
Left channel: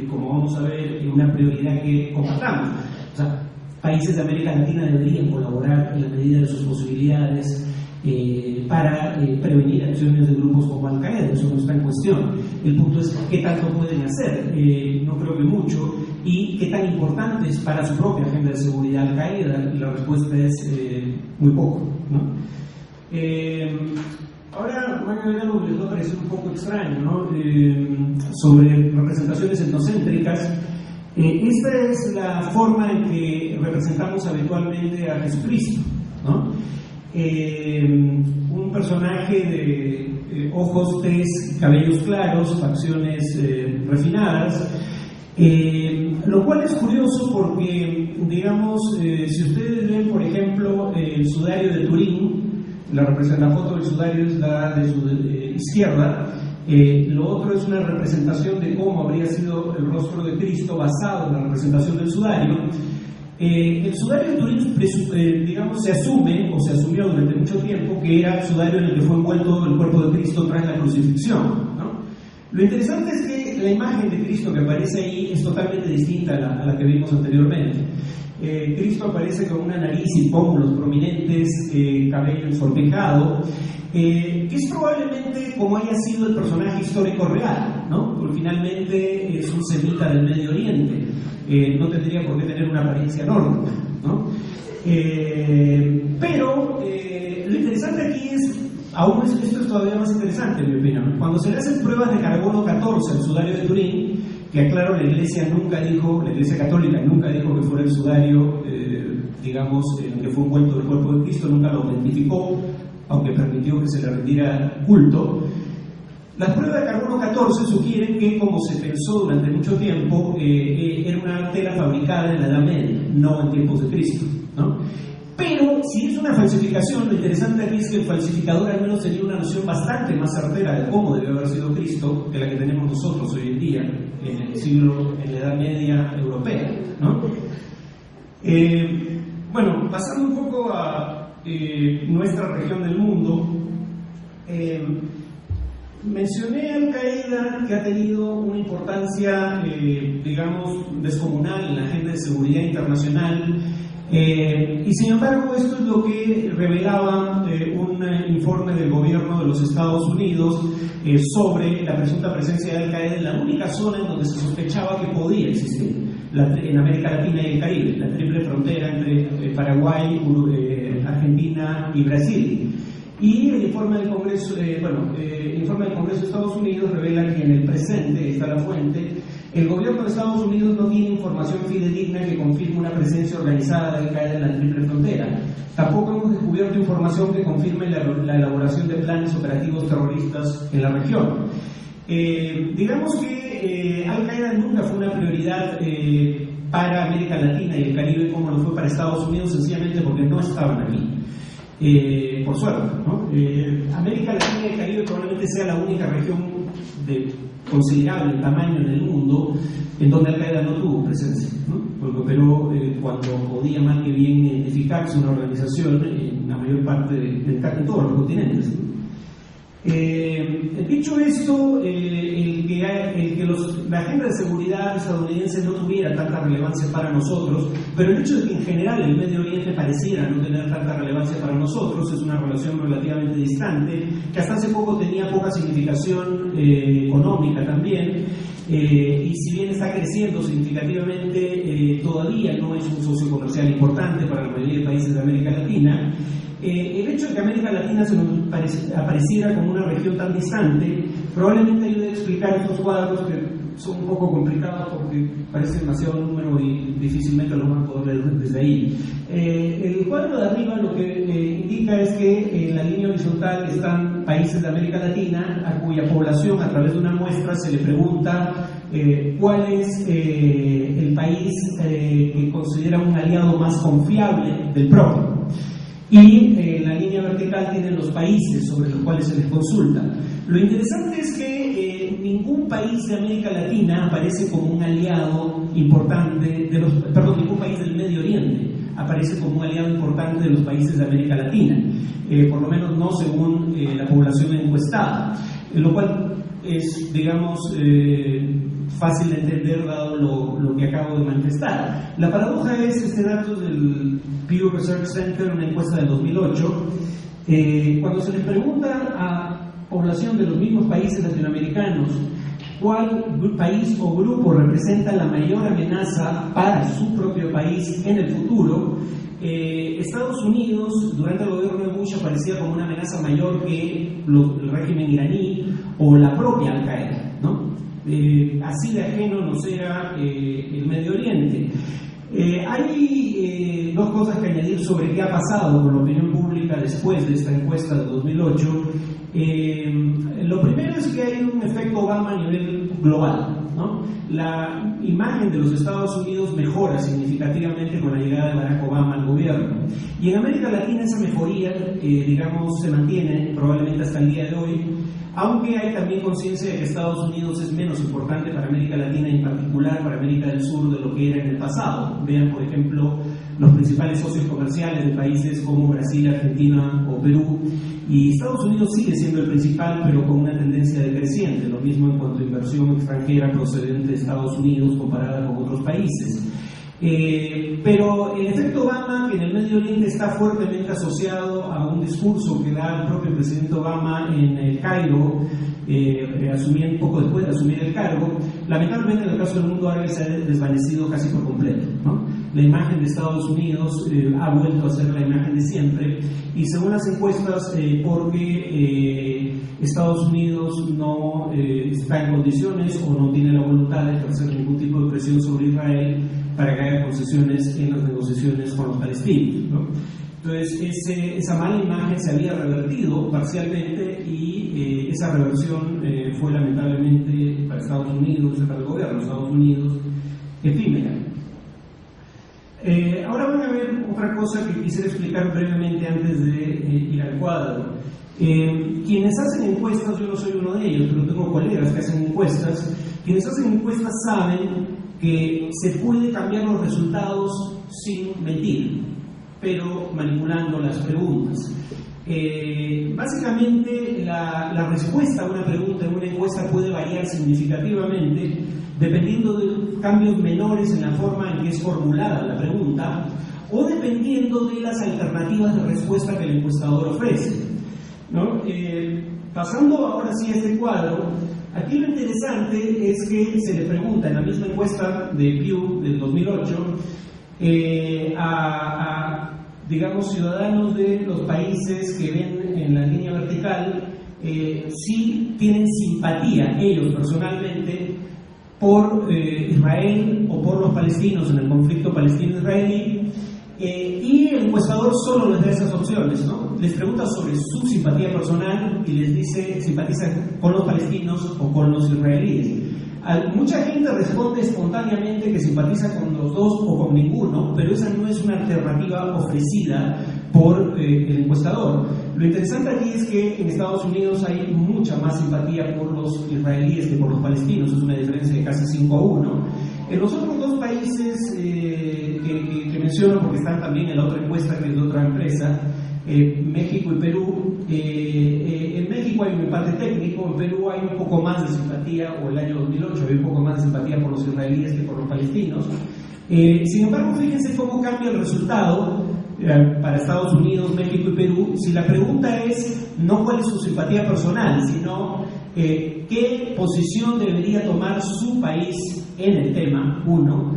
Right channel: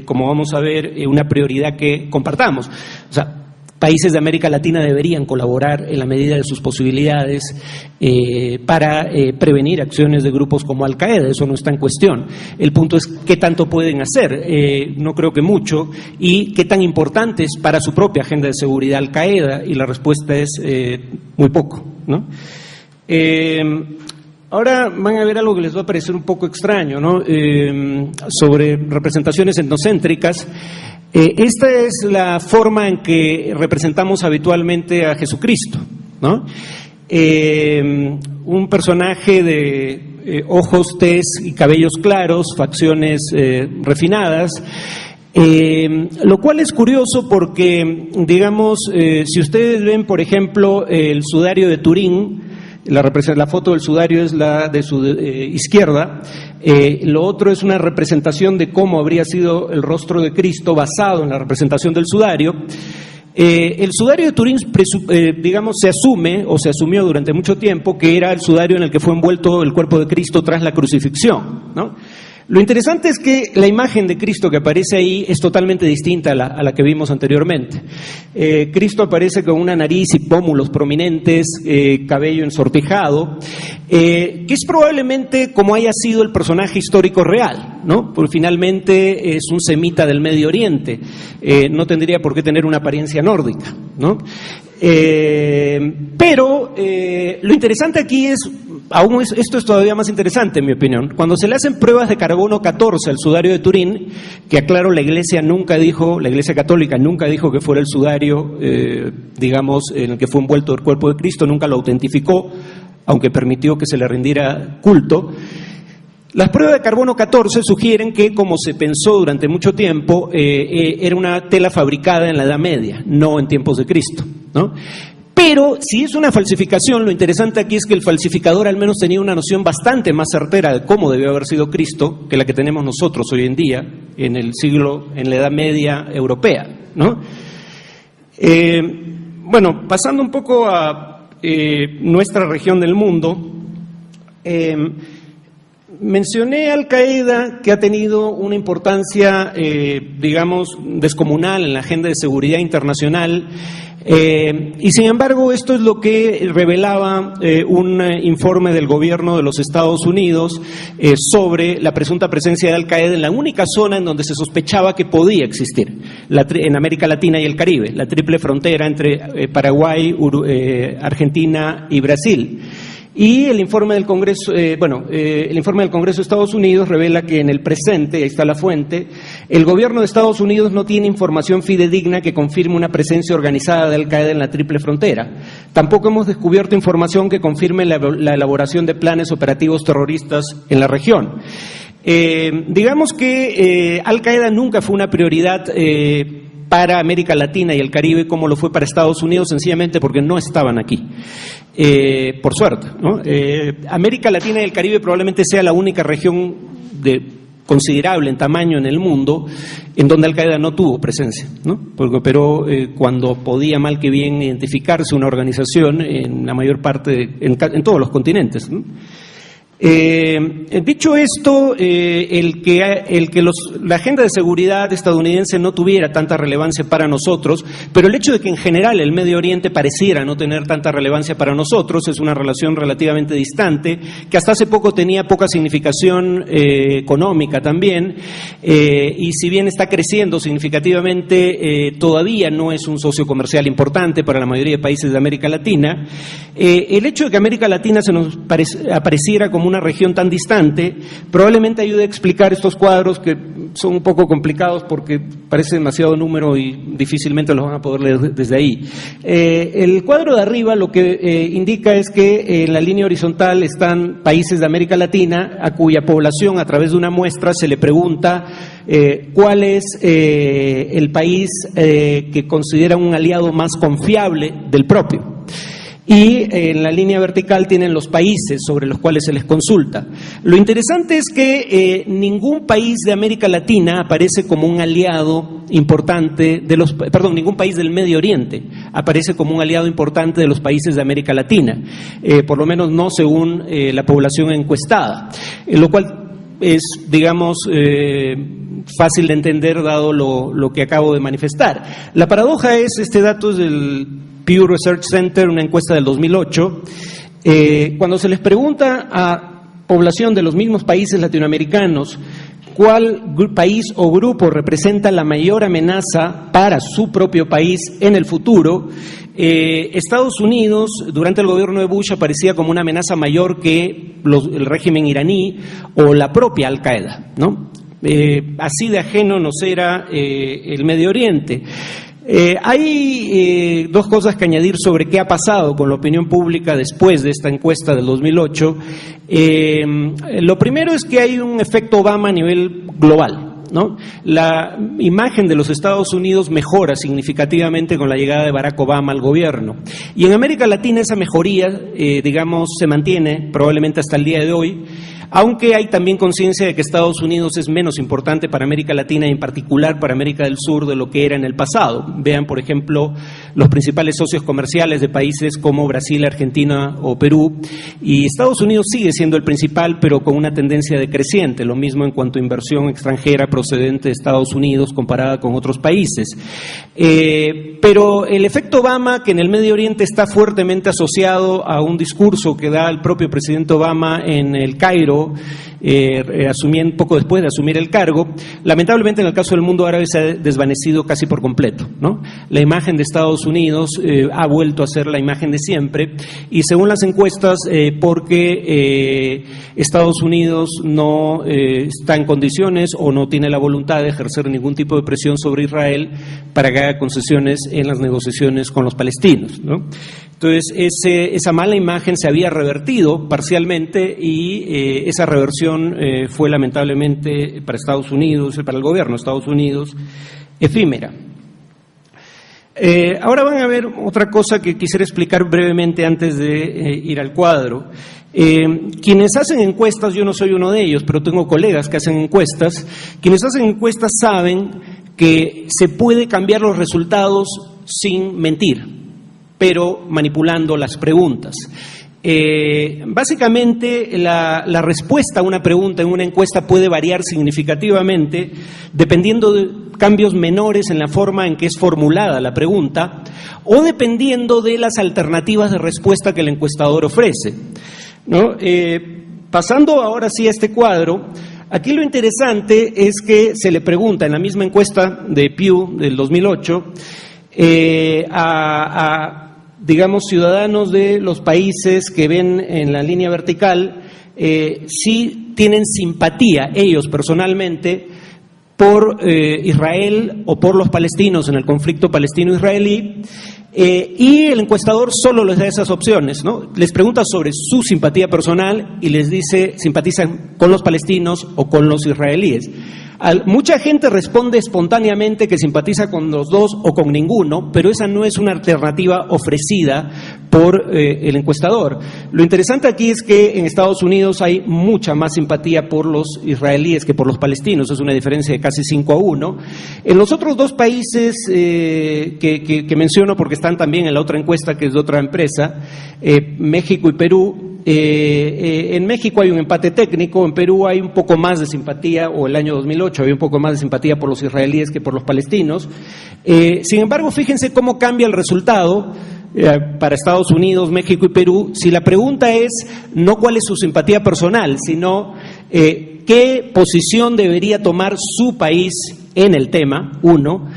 como vamos a ver, una prioridad que compartamos. O sea, países de América Latina deberían colaborar en la medida de sus posibilidades para prevenir acciones de grupos como Al-Qaeda. Eso no está en cuestión. El punto es qué tanto pueden hacer. No creo que mucho. Y qué tan importante es para su propia agenda de seguridad Al-Qaeda. Y la respuesta es muy poco, ¿no? Ahora van a ver algo que les va a parecer un poco extraño, ¿no? Sobre representaciones etnocéntricas. Esta es la forma en que representamos habitualmente a Jesucristo, ¿no? Un personaje de ojos, tez y cabellos claros, facciones refinadas, lo cual es curioso porque, digamos, si ustedes ven, por ejemplo, el sudario de Turín, la foto del sudario es la de su izquierda. Lo otro es una representación de cómo habría sido el rostro de Cristo basado en la representación del sudario. El sudario de Turín, digamos, se asumió durante mucho tiempo que era el sudario en el que fue envuelto el cuerpo de Cristo tras la crucifixión, ¿no? Lo interesante es que la imagen de Cristo que aparece ahí es totalmente distinta a la que vimos anteriormente. Cristo aparece con una nariz y pómulos prominentes, cabello ensortijado, que es probablemente como haya sido el personaje histórico real, ¿no? Porque finalmente es un semita del Medio Oriente, no tendría por qué tener una apariencia nórdica, ¿no? Pero lo interesante aquí es, esto es todavía más interesante en mi opinión, cuando se le hacen pruebas de carbono 14 al sudario de Turín, que aclaro, la Iglesia Católica nunca dijo que fuera el sudario, digamos, en el que fue envuelto el cuerpo de Cristo, nunca lo autentificó, aunque permitió que se le rindiera culto. Las pruebas de carbono 14 sugieren que, como se pensó durante mucho tiempo, era una tela fabricada en la Edad Media, no en tiempos de Cristo, ¿no? Pero si es una falsificación, lo interesante aquí es que el falsificador al menos tenía una noción bastante más certera de cómo debió haber sido Cristo que la que tenemos nosotros hoy en día en la Edad Media europea, ¿no? Bueno, pasando un poco a nuestra región del mundo, mencioné Al Qaeda, que ha tenido una importancia, digamos, descomunal en la agenda de seguridad internacional. Y sin embargo, esto es lo que revelaba un informe del gobierno de los Estados Unidos sobre la presunta presencia de Al Qaeda en la única zona en donde se sospechaba que podía existir, en América Latina y el Caribe, la triple frontera entre Paraguay, Argentina y Brasil. Y el informe del Congreso, el informe del Congreso de Estados Unidos revela que en el presente, ahí está la fuente, el gobierno de Estados Unidos no tiene información fidedigna que confirme una presencia organizada de Al Qaeda en la triple frontera. Tampoco hemos descubierto información que confirme la elaboración de planes operativos terroristas en la región. Digamos que Al Qaeda nunca fue una prioridad para América Latina y el Caribe como lo fue para Estados Unidos, sencillamente porque no estaban aquí. Por suerte, ¿no? América Latina y el Caribe probablemente sea la única región considerable en tamaño en el mundo en donde Al Qaeda no tuvo presencia, ¿no? Pero cuando podía mal que bien identificarse una organización en la mayor parte, en todos los continentes, ¿no? Dicho esto, la agenda de seguridad estadounidense no tuviera tanta relevancia para nosotros, pero el hecho de que en general el Medio Oriente pareciera no tener tanta relevancia para nosotros es una relación relativamente distante, que hasta hace poco tenía poca significación económica también, y si bien está creciendo significativamente, todavía no es un socio comercial importante para la mayoría de países de América Latina. El hecho de que América Latina se nos apareciera como una región tan distante probablemente ayude a explicar estos cuadros que son un poco complicados porque parece demasiado número y difícilmente los van a poder leer desde ahí. El cuadro de arriba lo que indica es que en la línea horizontal están países de América Latina a cuya población a través de una muestra se le pregunta cuál es el país que considera un aliado más confiable del propio. Y en la línea vertical tienen los países sobre los cuales se les consulta. Lo interesante es que ningún país de América Latina aparece como un aliado importante ningún país del Medio Oriente aparece como un aliado importante de los países de América Latina, por lo menos no según la población encuestada, lo cual es, digamos, fácil de entender dado lo que acabo de manifestar. La paradoja es, este dato es del Pew Research Center, una encuesta del 2008, cuando se les pregunta a población de los mismos países latinoamericanos cuál país o grupo representa la mayor amenaza para su propio país en el futuro, Estados Unidos durante el gobierno de Bush aparecía como una amenaza mayor que el régimen iraní o la propia Al Qaeda, ¿no? Así de ajeno nos era el Medio Oriente. Hay dos cosas que añadir sobre qué ha pasado con la opinión pública después de esta encuesta del 2008. Lo primero es que hay un efecto Obama a nivel global, ¿no? La imagen de los Estados Unidos mejora significativamente con la llegada de Barack Obama al gobierno. Y en América Latina esa mejoría, digamos, se mantiene probablemente hasta el día de hoy, aunque hay también conciencia de que Estados Unidos es menos importante para América Latina y en particular para América del Sur de lo que era en el pasado. Vean, por ejemplo, los principales socios comerciales de países como Brasil, Argentina o Perú, y Estados Unidos sigue siendo el principal, pero con una tendencia decreciente, lo mismo en cuanto a inversión extranjera procedente de Estados Unidos comparada con otros países. Pero el efecto Obama, que en el Medio Oriente está fuertemente asociado a un discurso que da el propio presidente Obama en el Cairo, poco después de asumir el cargo, lamentablemente en el caso del mundo árabe se ha desvanecido casi por completo, ¿no? La imagen de Estados Unidos ha vuelto a ser la imagen de siempre, y según las encuestas, porque Estados Unidos no está en condiciones o no tiene la voluntad de ejercer ningún tipo de presión sobre Israel para que haga concesiones en las negociaciones con los palestinos, ¿no? Entonces, esa mala imagen se había revertido parcialmente y esa reversión fue lamentablemente para Estados Unidos, para el gobierno de Estados Unidos, efímera. Ahora van a ver otra cosa que quisiera explicar brevemente antes de ir al cuadro. Quienes hacen encuestas, yo no soy uno de ellos, pero tengo colegas que hacen encuestas, quienes hacen encuestas saben que se puede cambiar los resultados sin mentir, pero manipulando las preguntas. Básicamente la respuesta a una pregunta en una encuesta puede variar significativamente dependiendo de cambios menores en la forma en que es formulada la pregunta o dependiendo de las alternativas de respuesta que el encuestador ofrece, ¿no? Pasando ahora sí a este cuadro, aquí lo interesante es que se le pregunta en la misma encuesta de Pew del 2008 digamos, ciudadanos de los países que ven en la línea vertical, si tienen simpatía ellos personalmente por Israel o por los palestinos en el conflicto palestino-israelí, y el encuestador solo les da esas opciones, ¿no? Les pregunta sobre su simpatía personal y les dice simpatizan con los palestinos o con los israelíes. Mucha gente responde espontáneamente que simpatiza con los dos o con ninguno, pero esa no es una alternativa ofrecida por el encuestador. Lo interesante aquí es que en Estados Unidos hay mucha más simpatía por los israelíes que por los palestinos, es una diferencia de casi 5-1. En los otros dos países que menciono, porque están también en la otra encuesta que es de otra empresa, México y Perú, en México hay un empate técnico, en Perú hay un poco más de simpatía, o el año 2008 había un poco más de simpatía por los israelíes que por los palestinos. Sin embargo, fíjense cómo cambia el resultado para Estados Unidos, México y Perú, si la pregunta es no cuál es su simpatía personal, sino qué posición debería tomar su país en el tema, uno,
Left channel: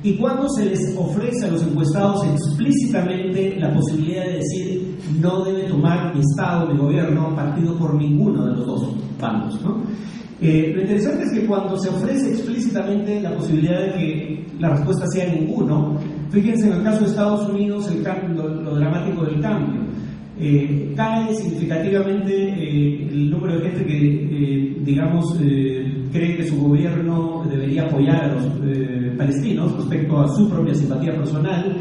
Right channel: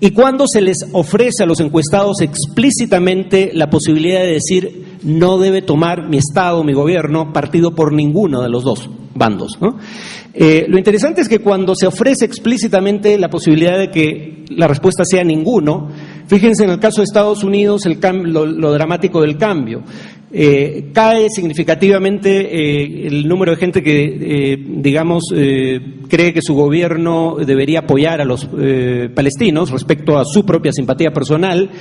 y cuando se les ofrece a los encuestados explícitamente la posibilidad de decir no debe tomar mi Estado, mi gobierno, partido por ninguno de los dos bandos, ¿no? Lo interesante es que cuando se ofrece explícitamente la posibilidad de que la respuesta sea ninguno, fíjense en el caso de Estados Unidos lo dramático del cambio. Cae significativamente el número de gente que, cree que su gobierno debería apoyar a los palestinos respecto a su propia simpatía personal,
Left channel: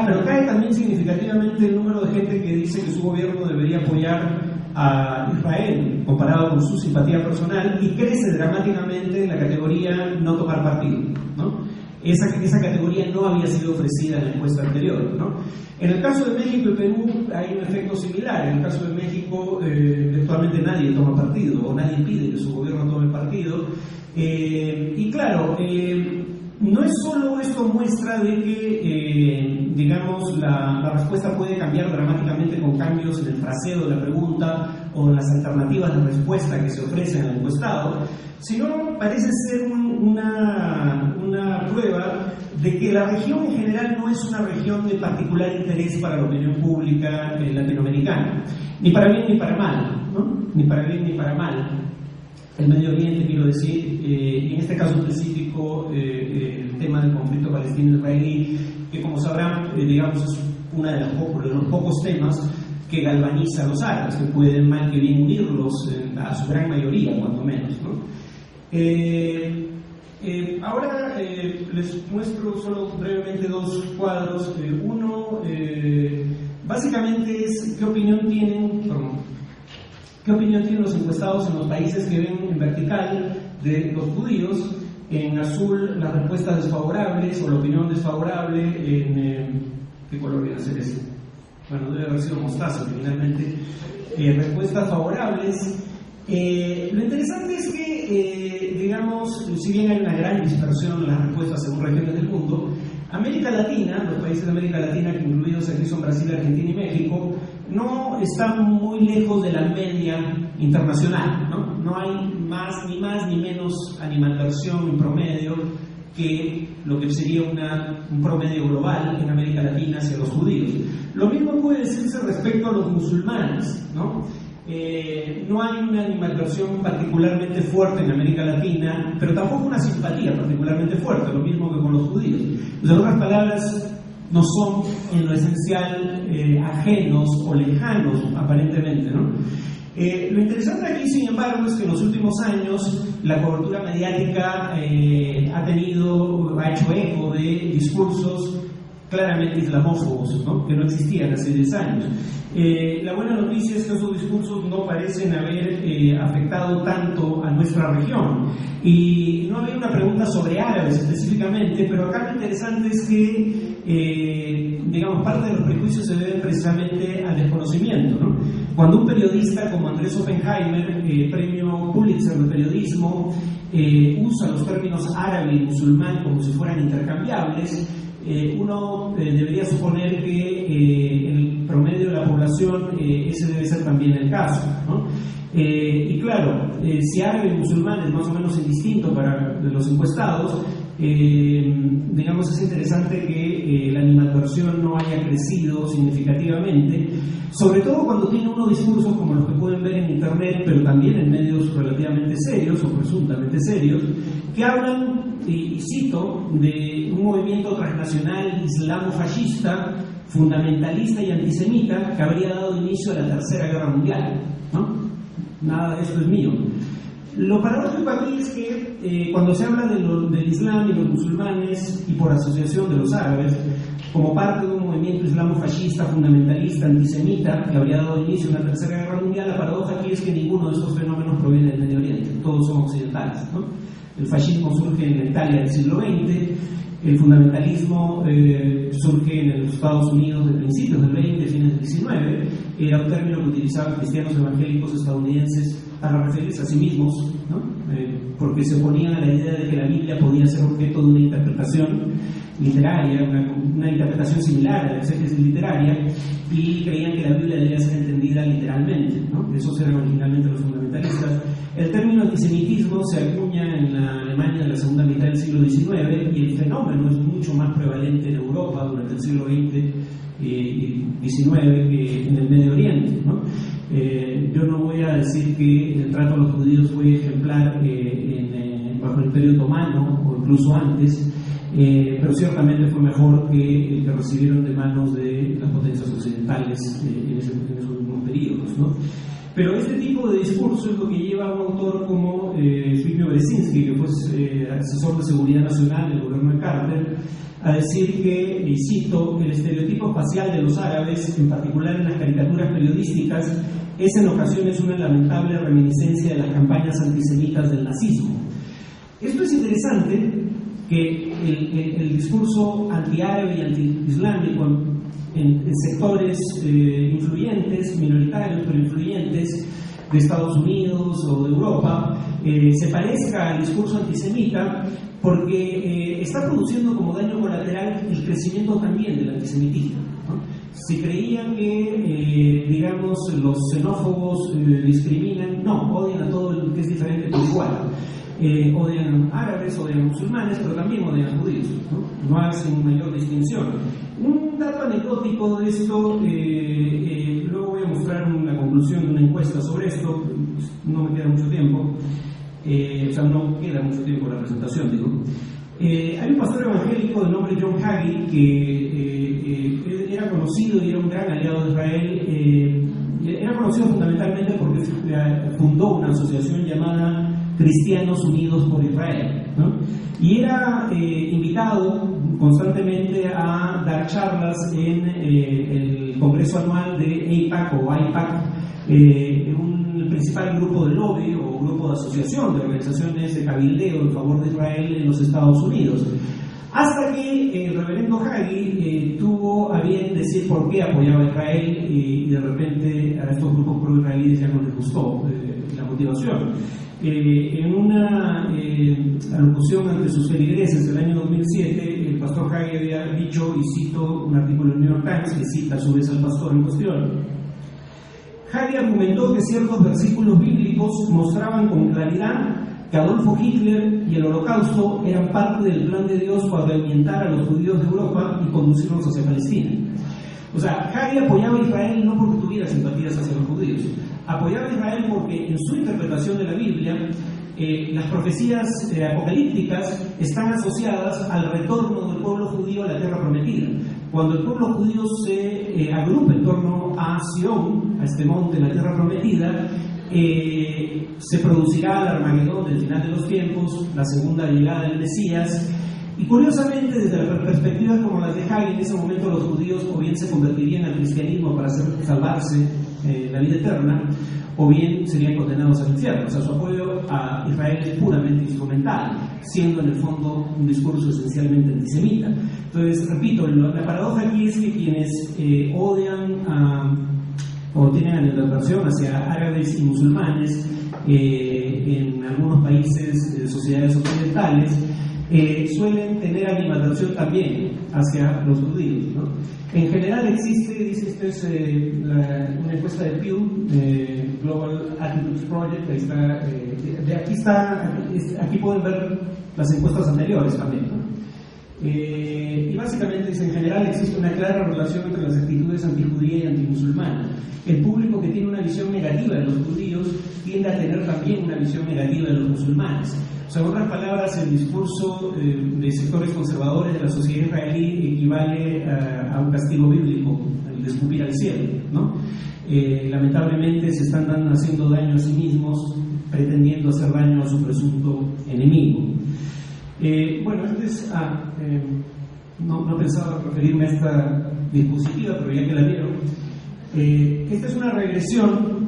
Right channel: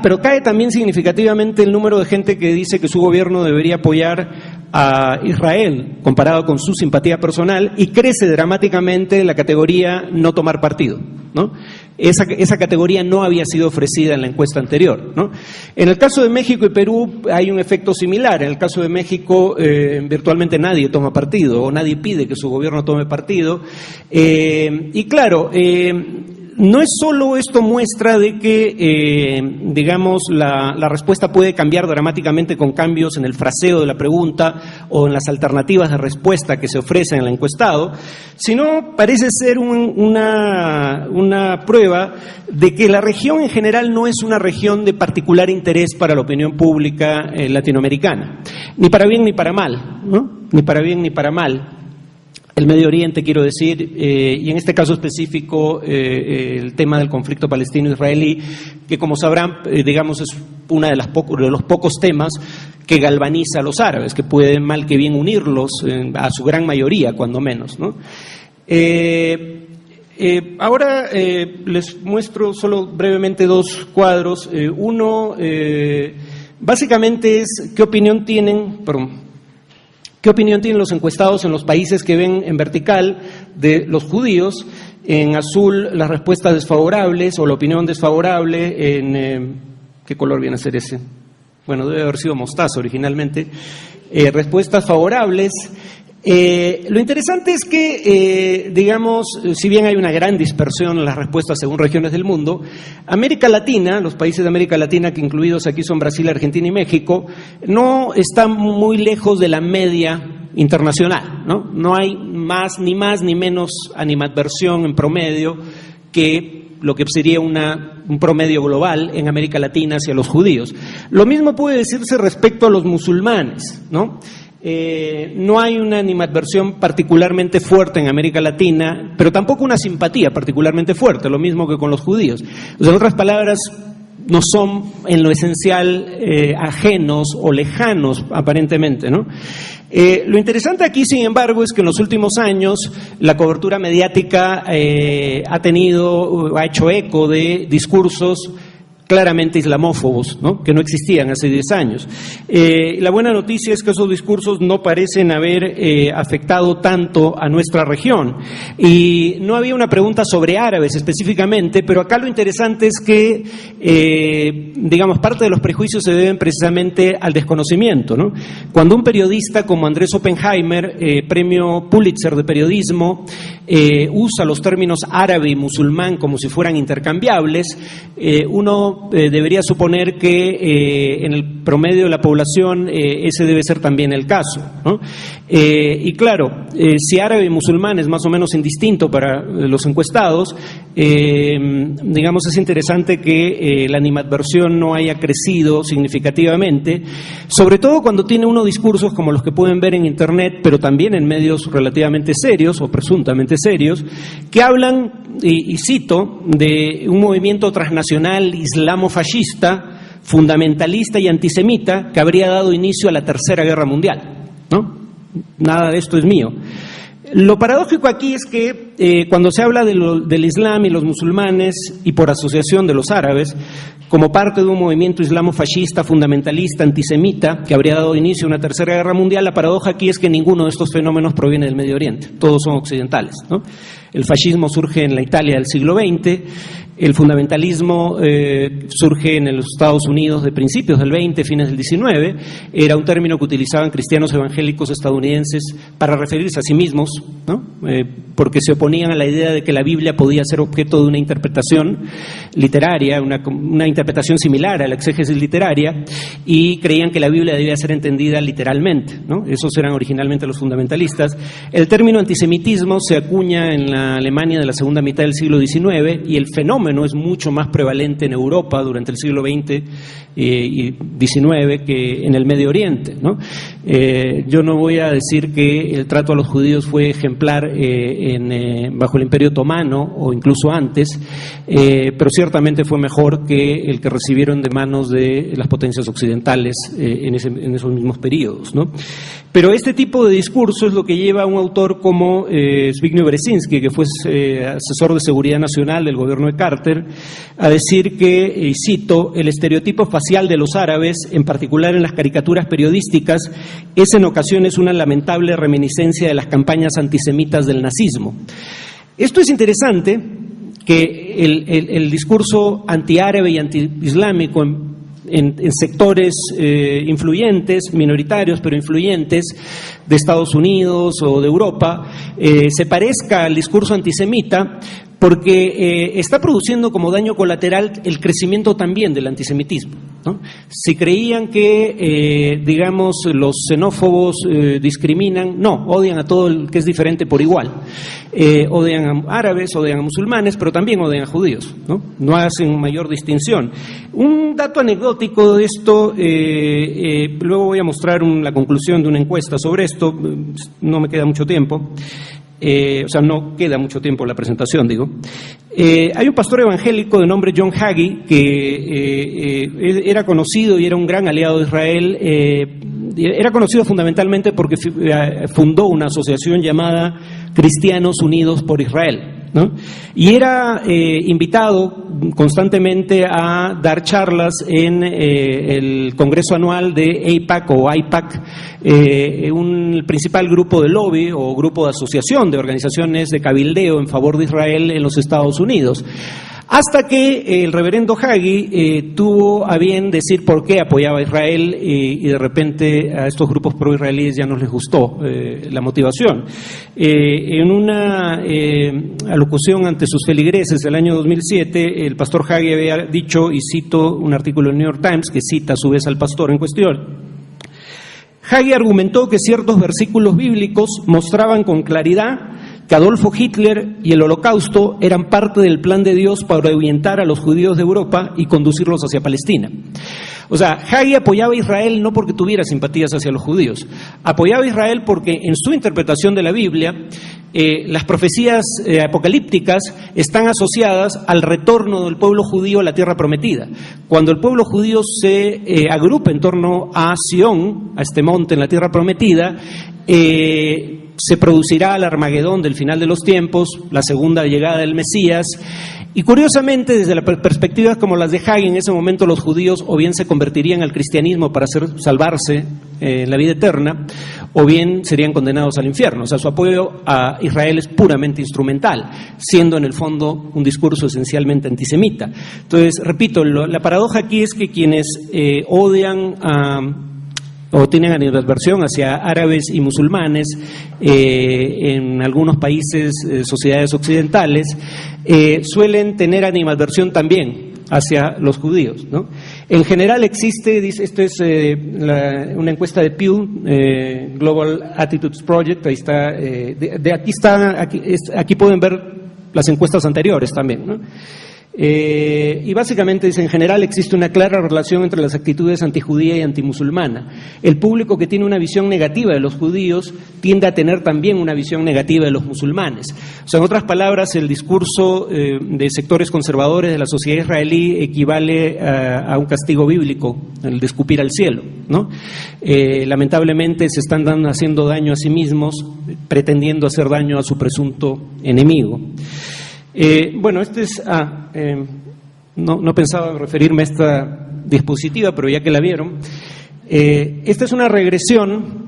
pero cae también significativamente el número de gente que dice que su gobierno debería apoyar a Israel comparado con su simpatía personal, y crece dramáticamente la categoría no tomar partido, ¿no? Esa categoría no había sido ofrecida en la encuesta anterior, ¿no? En el caso de México y Perú hay un efecto similar. En el caso de México virtualmente nadie toma partido o nadie pide que su gobierno tome partido, y claro, no es solo esto muestra de que, la respuesta puede cambiar dramáticamente con cambios en el fraseo de la pregunta o en las alternativas de respuesta que se ofrecen al encuestado, sino parece ser una prueba de que la región en general no es una región de particular interés para la opinión pública latinoamericana, ni para bien ni para mal, ¿no? Ni para bien ni para mal. El Medio Oriente, quiero decir, y en este caso específico el tema del conflicto palestino-israelí, que como sabrán, es uno de los pocos temas que galvaniza a los árabes, que puede mal que bien unirlos a su gran mayoría, cuando menos, ¿no? Ahora les muestro solo brevemente dos cuadros. Uno, básicamente es qué opinión tienen, ¿Qué opinión tienen los encuestados en los países que ven en vertical de los judíos? En azul las respuestas desfavorables o la opinión desfavorable. ¿Qué color viene a ser ese? Bueno, debe haber sido mostaza originalmente. Respuestas favorables. Lo interesante es que, digamos, si bien hay una gran dispersión en las respuestas según regiones del mundo, América Latina, los países de América Latina, que incluidos aquí son Brasil, Argentina y México, no están muy lejos de la media internacional, ¿no? No hay más ni menos animadversión en promedio que lo que sería un promedio global en América Latina hacia los judíos. Lo mismo puede decirse respecto a los musulmanes, ¿no? No hay una animadversión particularmente fuerte en América Latina, pero tampoco una simpatía particularmente fuerte, lo mismo que con los judíos. O sea, en otras palabras, no son en lo esencial ajenos o lejanos aparentemente, ¿no? Lo interesante aquí, sin embargo, es que en los últimos años la cobertura mediática ha hecho eco de discursos claramente islamófobos, ¿no? Que no existían hace 10 años. La buena noticia es que esos discursos no parecen haber afectado tanto a nuestra región. Y no había una pregunta sobre árabes específicamente, pero acá lo interesante es que, digamos, parte de los prejuicios se deben precisamente al desconocimiento, ¿no? Cuando un periodista como Andrés Oppenheimer, premio Pulitzer de periodismo, usa los términos árabe y musulmán como si fueran intercambiables, uno debería suponer que en el promedio de la población ese debe ser también el caso, ¿no? Y claro, si árabe y musulmán es más o menos indistinto para los encuestados, digamos, es interesante que la animadversión no haya crecido significativamente, sobre todo cuando tiene uno discursos como los que pueden ver en internet, pero también en medios relativamente serios o presuntamente serios, que hablan, y cito, de un movimiento transnacional islamofascista, fundamentalista y antisemita que habría dado inicio a la Tercera Guerra Mundial, ¿no? Nada de esto es mío. Lo paradójico aquí es que cuando se habla del Islam y los musulmanes, y por asociación de los árabes, como parte de un movimiento islamofascista, fundamentalista, antisemita, que habría dado inicio a una Tercera Guerra Mundial, la paradoja aquí es que ninguno de estos fenómenos proviene del Medio Oriente, todos son occidentales, ¿no? El fascismo surge en la Italia del siglo XX, el fundamentalismo surge en los Estados Unidos de principios del XX, fines del XIX, era un término que utilizaban cristianos evangélicos estadounidenses para referirse a sí mismos, ¿no? Porque se oponían a la idea de que la Biblia podía ser objeto de una interpretación literaria, una interpretación similar a la exégesis literaria, y creían que la Biblia debía ser entendida literalmente, ¿no? Esos eran originalmente los fundamentalistas. El término antisemitismo se acuña en la Alemania de la segunda mitad del siglo XIX, y el fenómeno es mucho más prevalente en Europa durante el siglo XX y XIX que en el Medio Oriente, ¿no? Yo no voy a decir que el trato a los judíos fue ejemplar bajo el Imperio Otomano o incluso antes, pero ciertamente fue mejor que el que recibieron de manos de las potencias occidentales en esos mismos periodos, ¿no? Pero este tipo de discurso es lo que lleva a un autor como Zbigniew Brzezinski, que fue asesor de seguridad nacional del gobierno de Carter, a decir que, y cito, el estereotipo facial de los árabes, en particular en las caricaturas periodísticas, es en ocasiones una lamentable reminiscencia de las campañas antisemitas del nazismo. Esto es interesante, que el discurso antiárabe y antiislámico en sectores influyentes, minoritarios pero influyentes, de Estados Unidos o de Europa, se parezca al discurso antisemita, porque está produciendo como daño colateral el crecimiento también del antisemitismo, ¿no? Si creían que, digamos, los xenófobos discriminan, no, odian a todo el que es diferente por igual. Odian a árabes, odian a musulmanes, pero también odian a judíos, ¿no? No hacen mayor distinción. Un dato anecdótico de esto, luego voy a mostrar la conclusión de una encuesta sobre esto, no me queda mucho tiempo. O sea, no queda mucho tiempo la presentación, digo. Hay un pastor evangélico de nombre John Hagee que era conocido y era un gran aliado de Israel. Era conocido fundamentalmente porque fundó una asociación llamada Cristianos Unidos por Israel, ¿no? Y era invitado constantemente a dar charlas en el Congreso Anual de AIPAC o AIPAC, un principal grupo de lobby o grupo de asociación de organizaciones de cabildeo en favor de Israel en los Estados Unidos. Hasta que el reverendo Hagee tuvo a bien decir por qué apoyaba a Israel y de repente a estos grupos pro-israelíes ya no les gustó la motivación. En una alocución ante sus feligreses del año 2007, el pastor Hagee había dicho, y cito un artículo del New York Times que cita a su vez al pastor en cuestión, Hagee argumentó que ciertos versículos bíblicos mostraban con claridad que Adolfo Hitler y el Holocausto eran parte del plan de Dios para ahuyentar a los judíos de Europa y conducirlos hacia Palestina. O sea, Hagee apoyaba a Israel no porque tuviera simpatías hacia los judíos, apoyaba a Israel porque en su interpretación de la Biblia las profecías apocalípticas están asociadas al retorno del pueblo judío a la tierra prometida. Cuando el pueblo judío se agrupa en torno a Sión, a este monte en la tierra prometida, se producirá el Armagedón del final de los tiempos, la segunda llegada del Mesías. Y curiosamente, desde las perspectivas como las de Hagee, en ese momento los judíos o bien se convertirían al cristianismo para salvarse en la vida eterna, o bien serían condenados al infierno. O sea, su apoyo a Israel es puramente instrumental, siendo en el fondo un discurso esencialmente antisemita. Entonces, repito, la paradoja aquí es que quienes odian o tienen animadversión hacia árabes y musulmanes en algunos países, sociedades occidentales, suelen tener animadversión también hacia los judíos, ¿no? En general existe, dice, esto es una encuesta de Pew, Global Attitudes Project, ahí está, aquí pueden ver las encuestas anteriores también, ¿no? Y básicamente dice, en general existe una clara relación entre las actitudes antijudía y antimusulmana. El público que tiene una visión negativa de los judíos tiende a tener también una visión negativa de los musulmanes. O sea, en otras palabras, el discurso de sectores conservadores de la sociedad israelí equivale a un castigo bíblico, el de escupir al cielo, ¿no? Lamentablemente se están haciendo daño a sí mismos, pretendiendo hacer daño a su presunto enemigo. Bueno, no pensaba referirme a esta diapositiva, pero ya que la vieron, esta es una regresión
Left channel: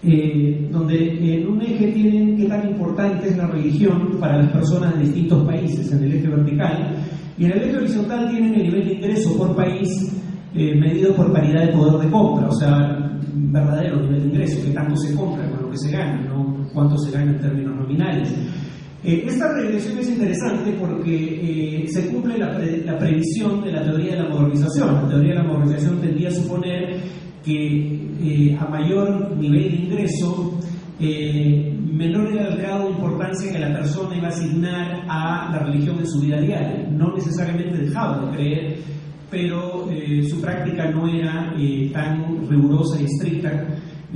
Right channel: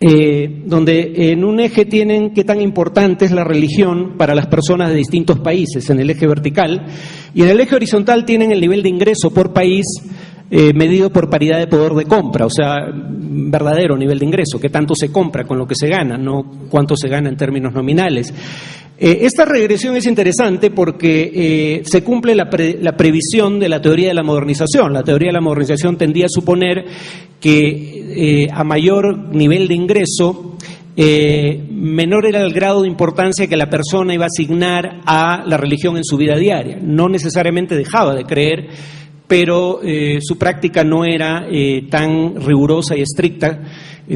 donde en un eje tienen qué tan importante es la religión para las personas de distintos países, en el eje vertical, y en el eje horizontal tienen el nivel de ingreso por país medido por paridad de poder de compra, o sea, verdadero nivel de ingreso, qué tanto se compra con lo que se gana, no cuánto se gana en términos nominales. Esta regresión es interesante porque se cumple la previsión de la teoría de la modernización. La teoría de la modernización tendía a suponer que a mayor nivel de ingreso, menor era el grado de importancia que la persona iba a asignar a la religión en su vida diaria. No necesariamente dejaba de creer, pero su práctica no era tan rigurosa y estricta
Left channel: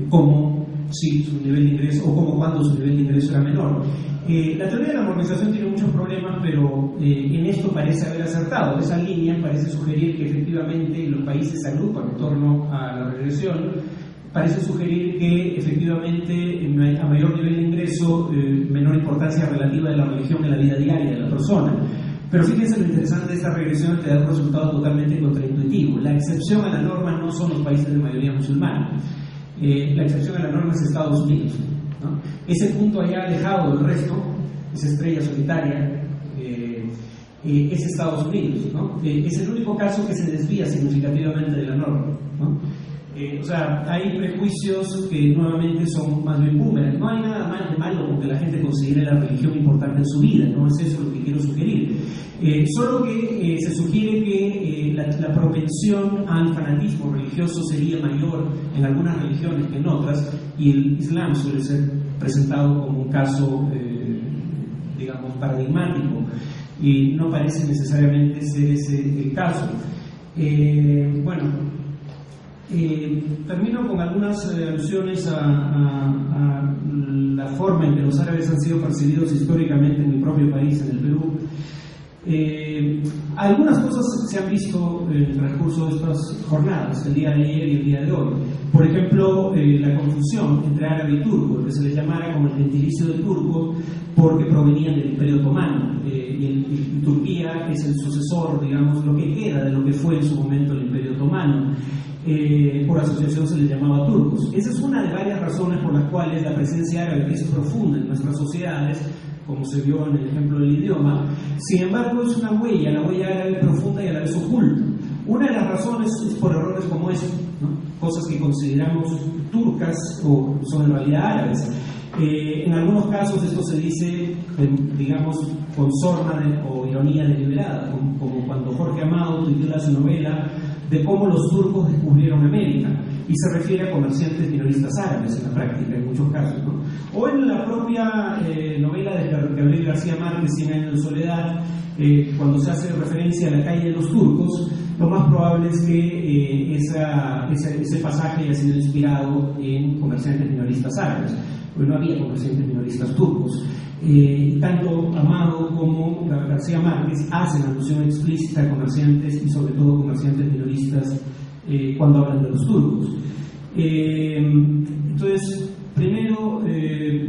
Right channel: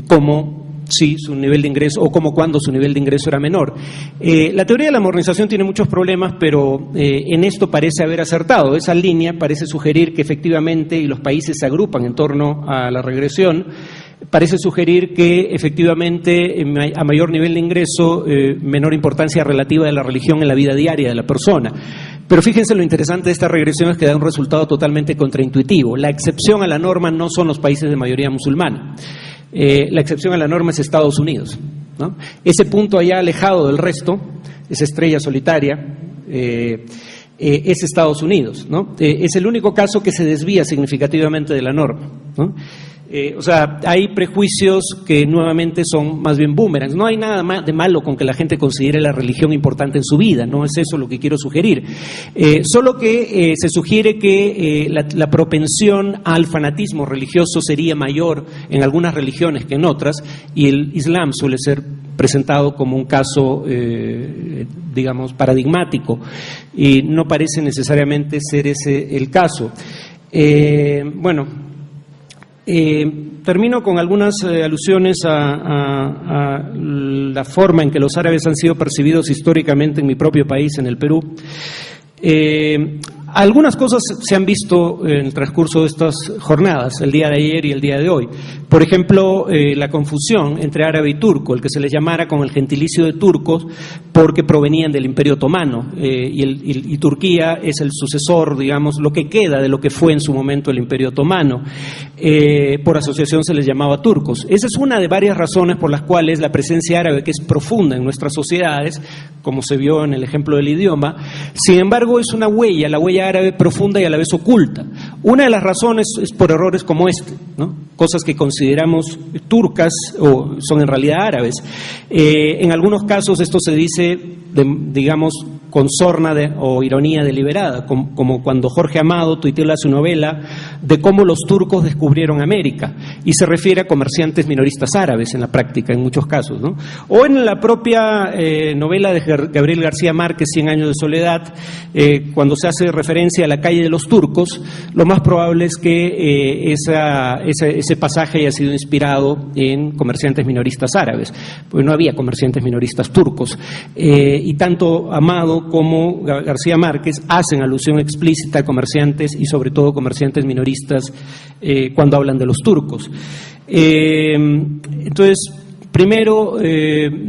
como sí, su nivel de ingreso, o como cuando su nivel de ingreso era menor. La teoría de la modernización tiene muchos problemas, pero en esto parece haber acertado. Esa línea parece sugerir que efectivamente, y los países se agrupan en torno a la regresión, parece sugerir que efectivamente a mayor nivel de ingreso, menor importancia relativa de la religión en la vida diaria de la persona. Pero fíjense lo interesante de esta regresión es que da un resultado totalmente contraintuitivo. La excepción a la norma no son los países de mayoría musulmana. La excepción a la norma es Estados Unidos, ¿no? Ese punto allá alejado del resto, esa estrella solitaria, es Estados Unidos, ¿no? Es el único caso que se desvía significativamente de la norma, ¿no? O sea, hay prejuicios que nuevamente son más bien boomerangs. No hay nada de malo con que la gente considere la religión importante en su vida, no es eso lo que quiero sugerir. Solo que se sugiere que la propensión al fanatismo religioso sería mayor en algunas religiones que en otras, y el Islam suele ser presentado como un caso, digamos, paradigmático, y no parece necesariamente ser ese el caso. Termino con algunas alusiones a la forma en que los árabes han sido percibidos históricamente en mi propio país, en el Perú. Algunas cosas se han visto en el transcurso de estas jornadas, el día de ayer y el día de hoy. Por ejemplo, la confusión entre árabe y turco, el que se les llamara con el gentilicio de turcos porque provenían del Imperio Otomano, y Turquía es el sucesor, digamos, lo que queda de lo que fue en su momento el Imperio Otomano. Por asociación se les llamaba turcos. Esa es una de varias razones por las cuales la presencia árabe, que es profunda en nuestras sociedades, como se vio en el ejemplo del idioma, sin embargo es una huella, la huella árabe profunda y a la vez oculta. Una de las razones es por errores como este, ¿no? Cosas que consideramos turcas o son en realidad árabes. En algunos casos esto se dice, digamos, con sorna o ironía deliberada, como cuando Jorge Amado tuitea su novela de cómo los turcos descubrieron América, y se refiere a comerciantes minoristas árabes en la práctica, en muchos casos, ¿no? O en la propia novela de Gabriel García Márquez, 100 años de soledad, cuando se hace referencia a la calle de los turcos, lo más probable es que ese pasaje haya sido inspirado en comerciantes minoristas árabes, porque no había comerciantes minoristas turcos, y tanto Amado como García Márquez hacen alusión explícita a comerciantes y sobre todo comerciantes minoristas cuando hablan de los turcos. Entonces, primero,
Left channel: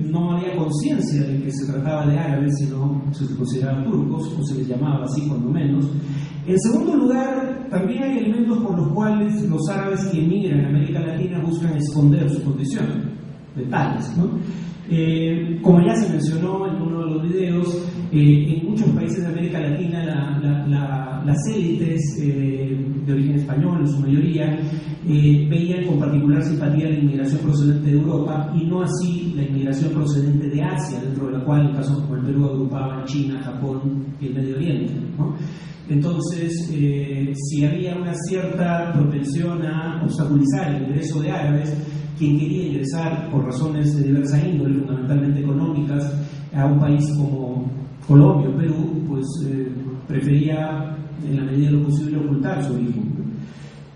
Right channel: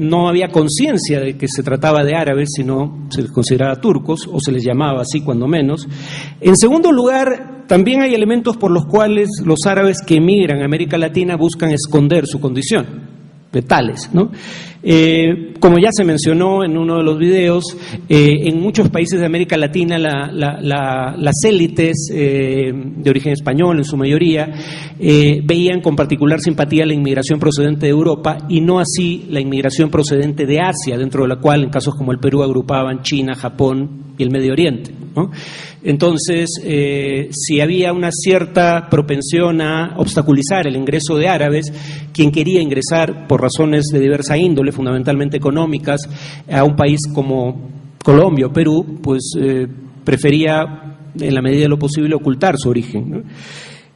no había conciencia de que se trataba de árabes, sino se les consideraba turcos, o se les llamaba así cuando menos. En segundo lugar, también hay elementos por los cuales los árabes que emigran a América Latina buscan esconder su condición, de tales, ¿no? Como ya se mencionó en uno de los videos, en muchos países de América Latina las élites de origen español, en su mayoría, veían con particular simpatía la inmigración procedente de Europa y no así la inmigración procedente de Asia, dentro de la cual en casos como el Perú agrupaban China, Japón y el Medio Oriente, ¿no? Entonces, si había una cierta propensión a obstaculizar el ingreso de árabes, quien quería ingresar por razones de diversa índole, fundamentalmente económicas, a un país como Colombia o Perú, pues prefería, en la medida de lo posible, ocultar su origen, ¿no?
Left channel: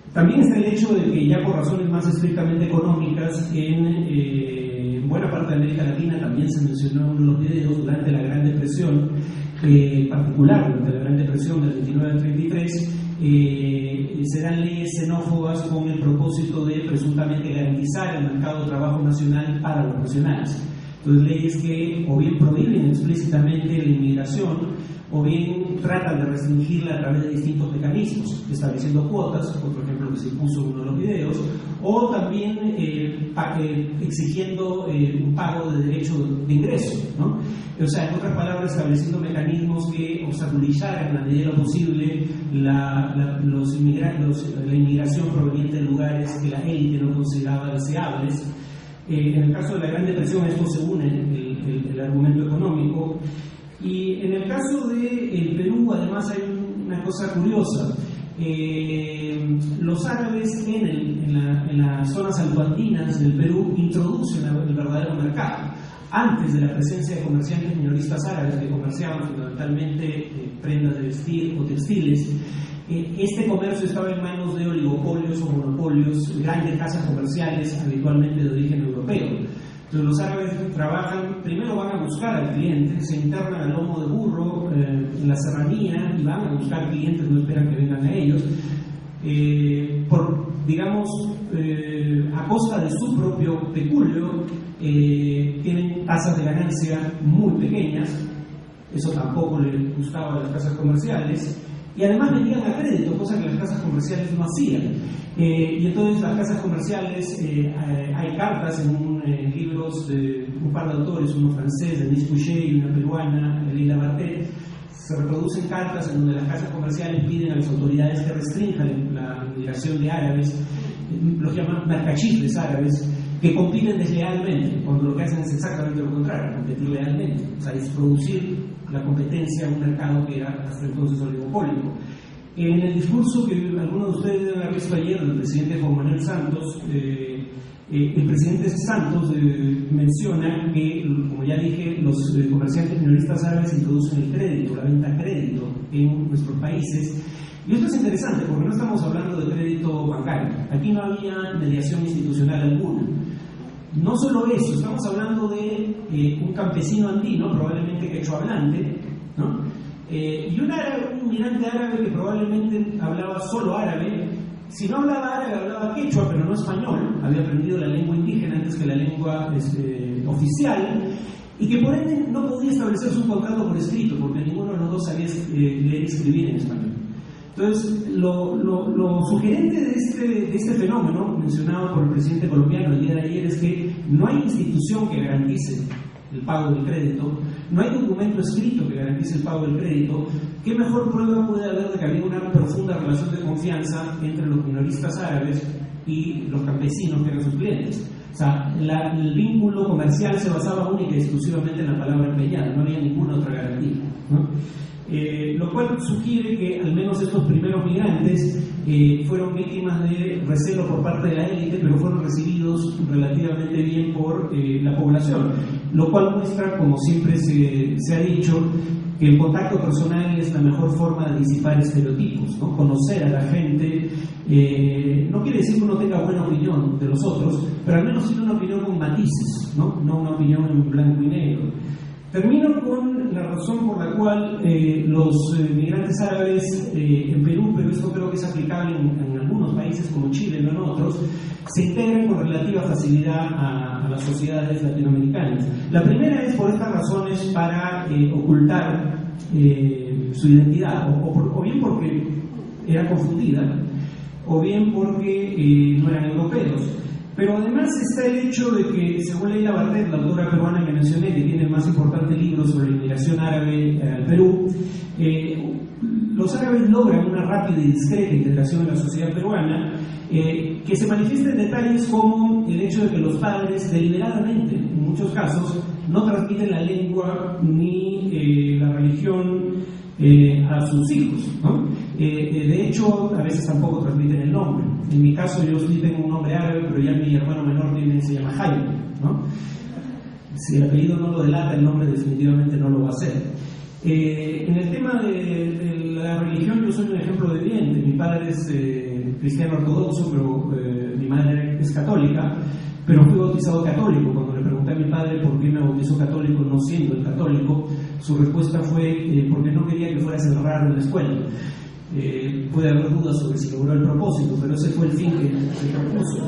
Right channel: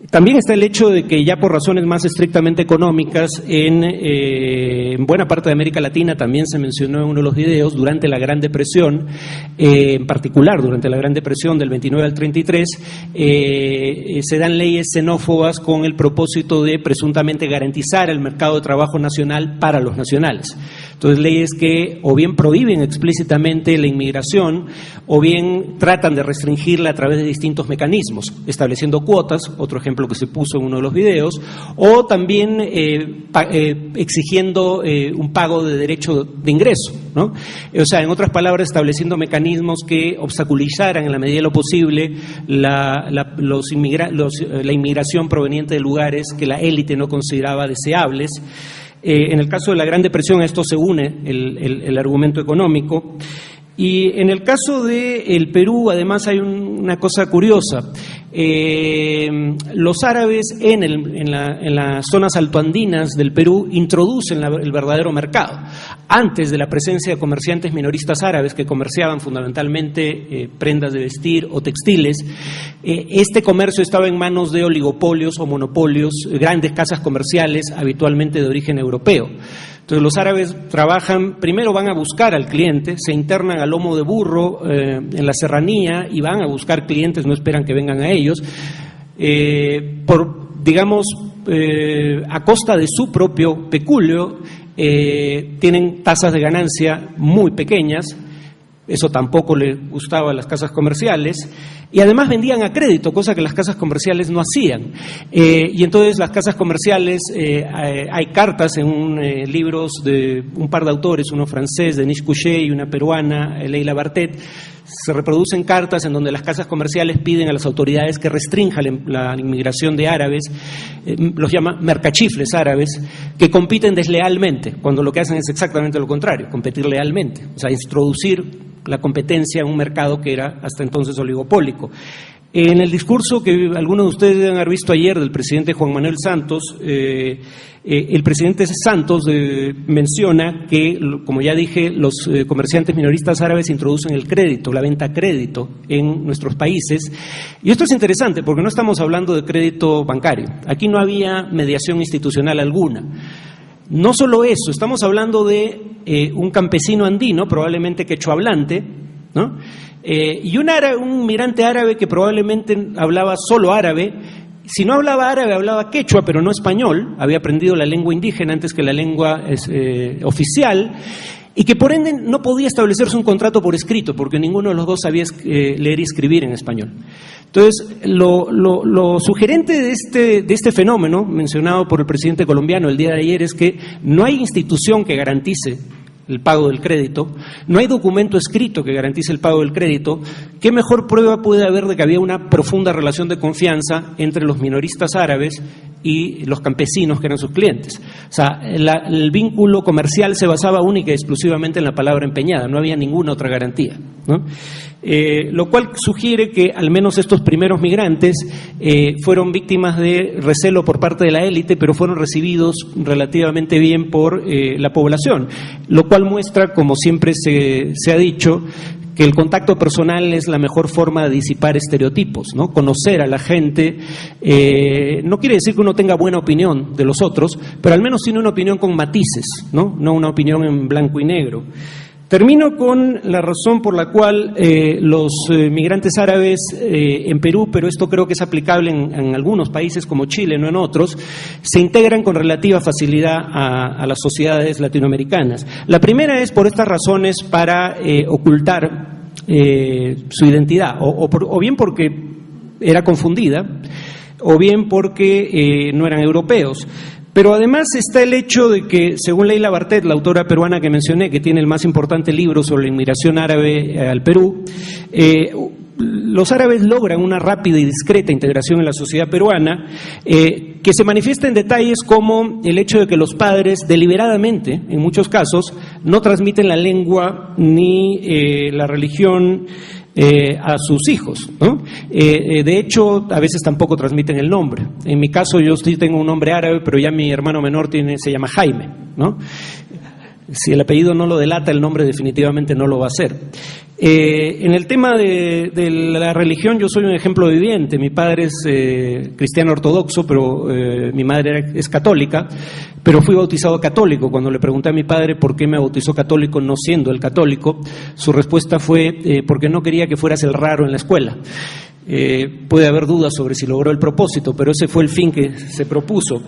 También está el hecho de que ya por razones más estrictamente económicas, en buena parte de América Latina, también se mencionó en uno de los videos, durante la Gran Depresión, en particular durante la Gran Depresión del 29 al 33, se dan leyes xenófobas con el propósito de presuntamente garantizar el mercado de trabajo nacional para los nacionales. Entonces, leyes que o bien prohíben explícitamente la inmigración o bien tratan de restringirla a través de distintos mecanismos, estableciendo cuotas, otro ejemplo que se puso en uno de los videos, o también exigiendo un pago de derecho de ingreso, ¿no? O sea, en otras palabras, estableciendo mecanismos que obstaculizaran en la medida de lo posible la inmigración proveniente de lugares que la élite no consideraba deseables. En el caso de la Gran Depresión a esto se une el argumento económico, y en el caso del Perú además hay una cosa curiosa. Los árabes en las zonas altoandinas del Perú introducen el verdadero mercado. Antes de la presencia de comerciantes minoristas árabes que comerciaban fundamentalmente prendas de vestir o textiles, este comercio estaba en manos de oligopolios o monopolios, grandes casas comerciales habitualmente de origen europeo. Entonces los árabes trabajan, primero van a buscar al cliente, se internan a lomo de burro en la serranía y van a buscar clientes, no esperan que vengan a ellos, a costa de su propio peculio. Tienen tasas de ganancia muy pequeñas, eso tampoco le gustaba a las casas comerciales, y además vendían a crédito, cosa que las casas comerciales no hacían. Y entonces las casas comerciales, hay cartas en libros de un par de autores, uno francés, Denis Couchet, y una peruana, Leila Bartet. Se reproducen cartas en donde las casas comerciales piden a las autoridades que restrinjan la inmigración de árabes, los llaman mercachifles árabes, que compiten deslealmente, cuando lo que hacen es exactamente lo contrario, competir lealmente, o sea, introducir la competencia en un mercado que era hasta entonces oligopólico. En el discurso que algunos de ustedes deben haber visto ayer del presidente Juan Manuel Santos, el presidente Santos menciona que, como ya dije, los comerciantes minoristas árabes introducen el crédito, la venta a crédito en nuestros países. Y esto es interesante porque no estamos hablando de crédito bancario. Aquí no había mediación institucional alguna. No solo eso, estamos hablando de un campesino andino, probablemente quechohablante, ¿no? Y un migrante árabe que probablemente hablaba solo árabe, si no hablaba árabe, hablaba quechua, pero no español, había aprendido la lengua indígena antes que la lengua oficial, y que por ende no podía establecerse un contrato por escrito, porque ninguno de los dos sabía leer y escribir en español. Entonces, lo sugerente de este fenómeno, mencionado por el presidente colombiano el día de ayer, es que no hay institución que garantice el pago del crédito, no hay documento escrito que garantice el pago del crédito. ¿Qué mejor prueba puede haber de que había una profunda relación de confianza entre los minoristas árabes y los campesinos que eran sus clientes? O sea, el vínculo comercial se basaba única y exclusivamente en la palabra empeñada, no había ninguna otra garantía, ¿no? Lo cual sugiere que al menos estos primeros migrantes fueron víctimas de recelo por parte de la élite, pero fueron recibidos relativamente bien por la población, lo cual muestra, como siempre se ha dicho, que el contacto personal es la mejor forma de disipar estereotipos, ¿no? Conocer a la gente no quiere decir que uno tenga buena opinión de los otros, pero al menos tiene una opinión con matices, ¿no? No una opinión en blanco y negro. Termino con la razón por la cual los migrantes árabes en Perú, pero esto creo que es aplicable en algunos países como Chile, no en otros, se integran con relativa facilidad a las sociedades latinoamericanas. La primera es por estas razones para ocultar su identidad, o bien porque era confundida, o bien porque no eran europeos. Pero además está el hecho de que, según Leila Bartet, la autora peruana que mencioné, que tiene el más importante libro sobre la inmigración árabe al Perú, los árabes logran una rápida y discreta integración en la sociedad peruana, que se manifiesta en detalles como el hecho de que los padres deliberadamente, en muchos casos, no transmiten la lengua ni la religión a sus hijos, ¿no? De hecho, a veces tampoco transmiten el nombre. En mi caso, yo sí tengo un nombre árabe, pero ya mi hermano menor se llama Jaime, ¿no? Si el apellido no lo delata, el nombre definitivamente no lo va a hacer. En el tema de la religión, yo soy un ejemplo viviente. Mi padre es cristiano ortodoxo, pero mi madre es católica, pero fui bautizado católico. Cuando le pregunté a mi padre por qué me bautizó católico no siendo el católico, su respuesta fue porque no quería que fueras el raro en la escuela. Puede haber dudas sobre si logró el propósito, pero ese fue el fin que se propuso.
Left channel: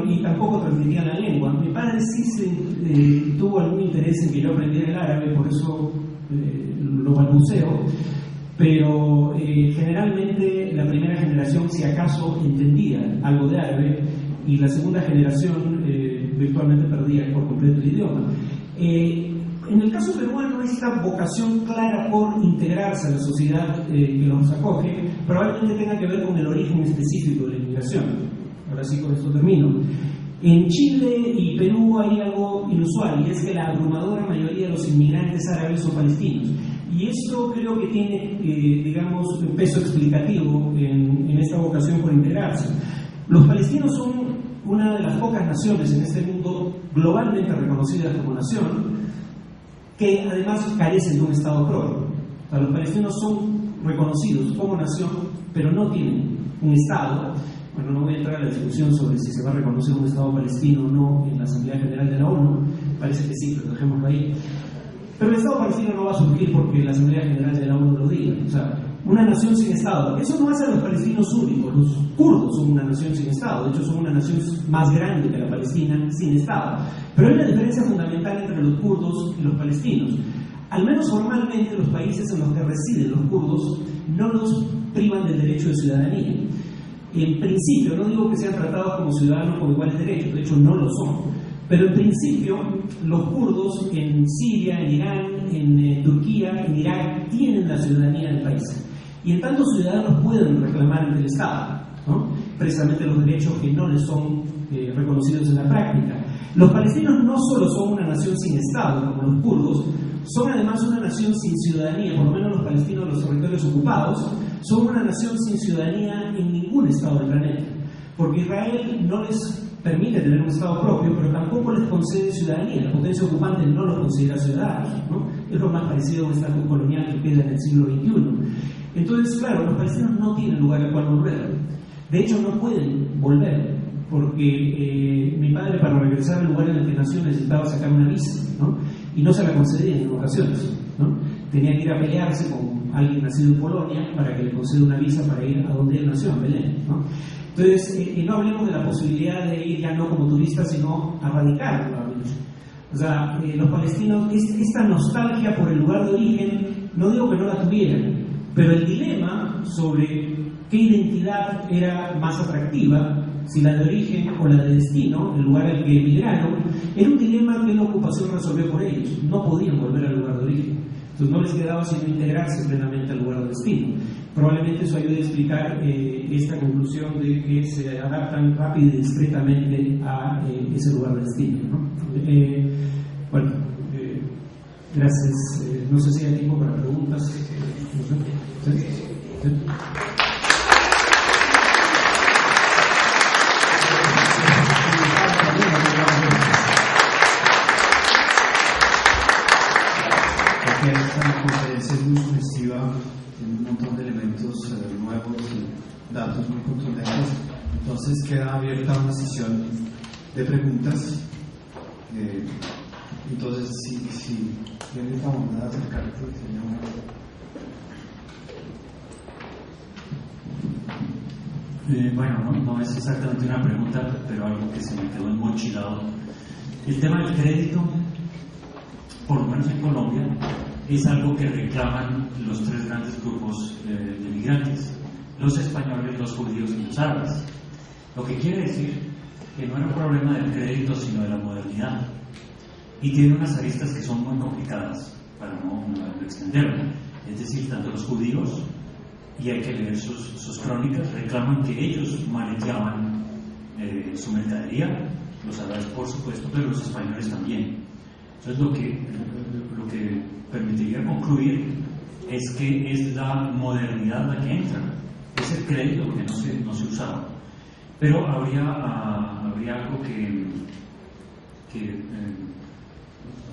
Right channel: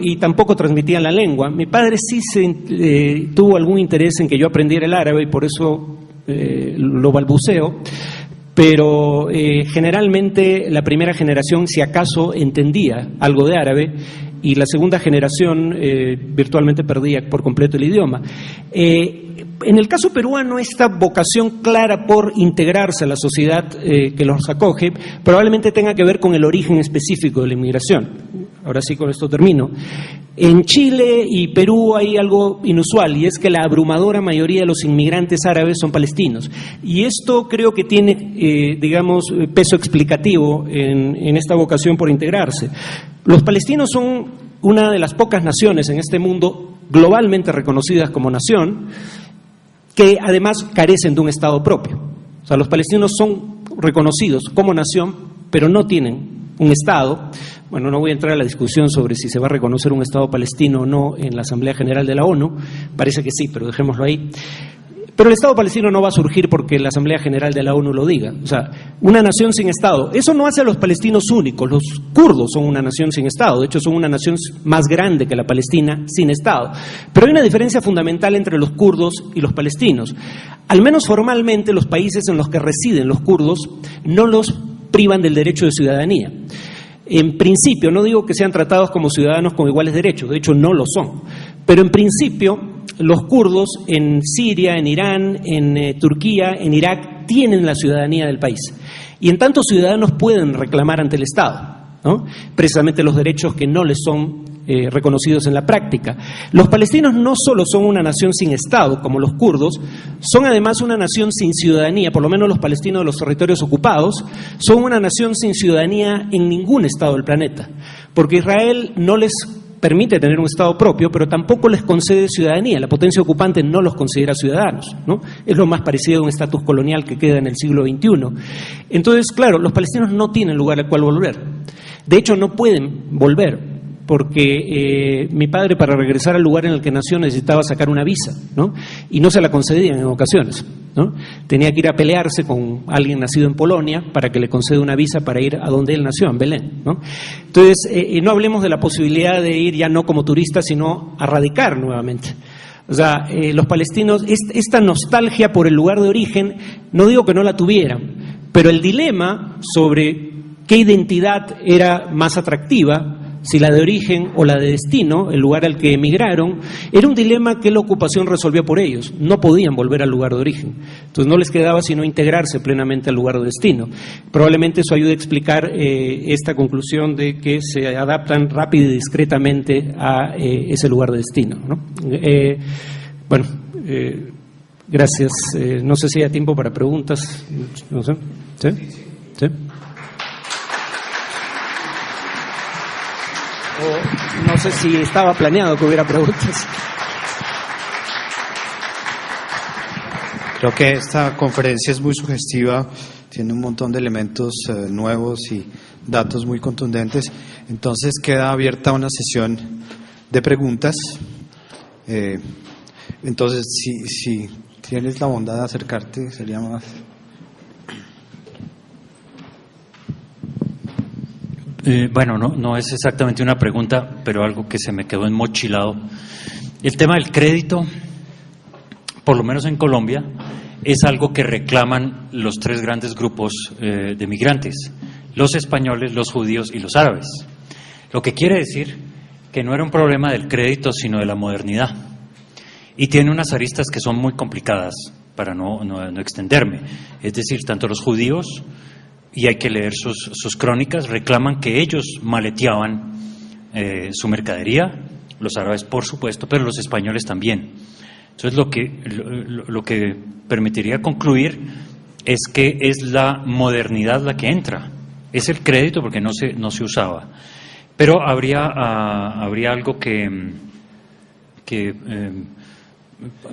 Y tampoco transmitían la lengua. Mi padre sí tuvo algún interés en que yo aprendiera el árabe y por eso lo balbuceo, pero generalmente la primera generación, si acaso, entendía algo de árabe y la segunda generación virtualmente perdía por completo el idioma. En el caso peruano, esta vocación clara por integrarse a la sociedad que los acoge probablemente tenga que ver con el origen específico de la inmigración. Ahora sí, con esto termino. En Chile y Perú hay algo inusual, y es que la abrumadora mayoría de los inmigrantes árabes son palestinos. Y esto creo que tiene, peso explicativo en esta vocación por integrarse. Los palestinos son una de las pocas naciones en este mundo globalmente reconocidas como nación, que además carecen de un Estado propio. O sea, los palestinos son reconocidos como nación, pero no tienen un Estado. Bueno, no voy a entrar a la discusión sobre si se va a reconocer un Estado palestino o no en la Asamblea General de la ONU, parece que sí, pero dejémoslo ahí. Pero el Estado palestino no va a surgir porque la Asamblea General de la ONU lo diga. O sea, una nación sin Estado, eso no hace a los palestinos únicos. Los kurdos son una nación sin Estado, de hecho son una nación más grande que la Palestina sin Estado. Pero hay una diferencia fundamental entre los kurdos y los palestinos. Al menos formalmente, los países en los que residen los kurdos no los privan del derecho de ciudadanía. En principio, no digo que sean tratados como ciudadanos con iguales derechos, de hecho no lo son, pero en principio los kurdos en Siria, en Irán, en Turquía, en Irak tienen la ciudadanía del país y en tanto ciudadanos pueden reclamar ante el Estado, ¿no? Precisamente los derechos que no les son reconocidos en la práctica. Los palestinos no solo son una nación sin Estado, como los kurdos, son además una nación sin ciudadanía, por lo menos los palestinos de los territorios ocupados, son una nación sin ciudadanía en ningún Estado del planeta, porque Israel no les permite tener un Estado propio, pero tampoco les concede ciudadanía. La potencia ocupante no los considera ciudadanos, ¿no? Es lo más parecido a un estatus colonial que queda en el siglo XXI. Entonces, claro, los palestinos no tienen lugar al cual volver. De hecho, no pueden volver porque mi padre, para regresar al lugar en el que nació, necesitaba sacar una visa, ¿no? Y no se la concedían en ocasiones, ¿no? Tenía que ir a pelearse con alguien nacido en Polonia para que le conceda una visa para ir a donde él nació, en Belén, ¿no? Entonces, no hablemos de la posibilidad de ir ya no como turista, sino a radicar nuevamente. O sea, los palestinos, esta nostalgia por el lugar de origen, no digo que no la tuvieran, pero el dilema sobre qué identidad era más atractiva, si la de origen o la de destino, el lugar al que emigraron, era un dilema que la ocupación resolvía por ellos. No podían volver al lugar de origen. Entonces no les quedaba sino integrarse plenamente al lugar de destino. Probablemente eso ayude a explicar esta conclusión de que se adaptan rápido y discretamente a ese lugar de destino, ¿no? Gracias. No sé si hay tiempo para preguntas. No sé. ¿Sí? ¿Sí? No sé si estaba planeado que hubiera preguntas. Creo que esta conferencia es muy sugestiva, tiene un montón de elementos nuevos y datos muy contundentes. Entonces queda abierta una sesión de preguntas. Entonces, si tienes la bondad de acercarte, sería más... Bueno, no es exactamente una pregunta, pero algo que se me quedó enmochilado. El tema del crédito, por lo menos en Colombia, es algo que reclaman los tres grandes grupos de migrantes: los españoles, los judíos y los árabes. Lo que quiere decir que no era un problema del crédito, sino de la modernidad. Y tiene unas aristas que son muy complicadas, para no extenderme. Es decir, tanto los judíos, y hay que leer sus crónicas, reclaman que ellos maleteaban su mercadería, los árabes por supuesto, pero los españoles también. Entonces lo que permitiría concluir es que es la modernidad la que entra, es el crédito porque no se usaba. Pero habría algo que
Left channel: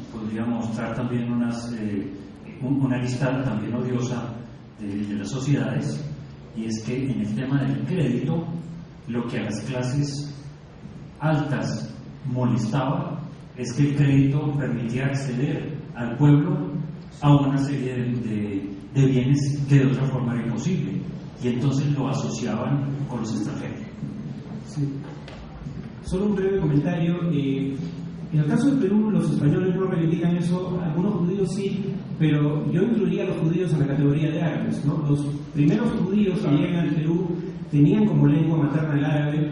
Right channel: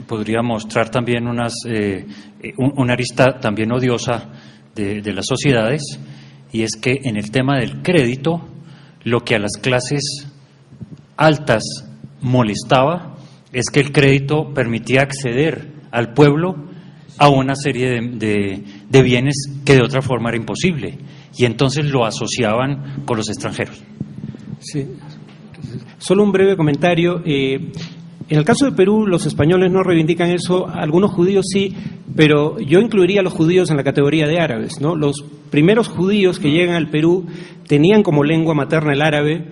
podría mostrar también una arista también odiosa de las sociedades, y es que en el tema del crédito, lo que a las clases altas molestaba es que el crédito permitía acceder al pueblo a una serie de bienes que de otra forma era imposible, y entonces lo asociaban con los extranjeros. Sí. Solo un breve comentario. En el caso de Perú, los españoles no reivindican eso, algunos judíos sí, pero yo incluiría a los judíos en la categoría de árabes, ¿no? Los primeros judíos que llegan al Perú tenían como lengua materna el árabe.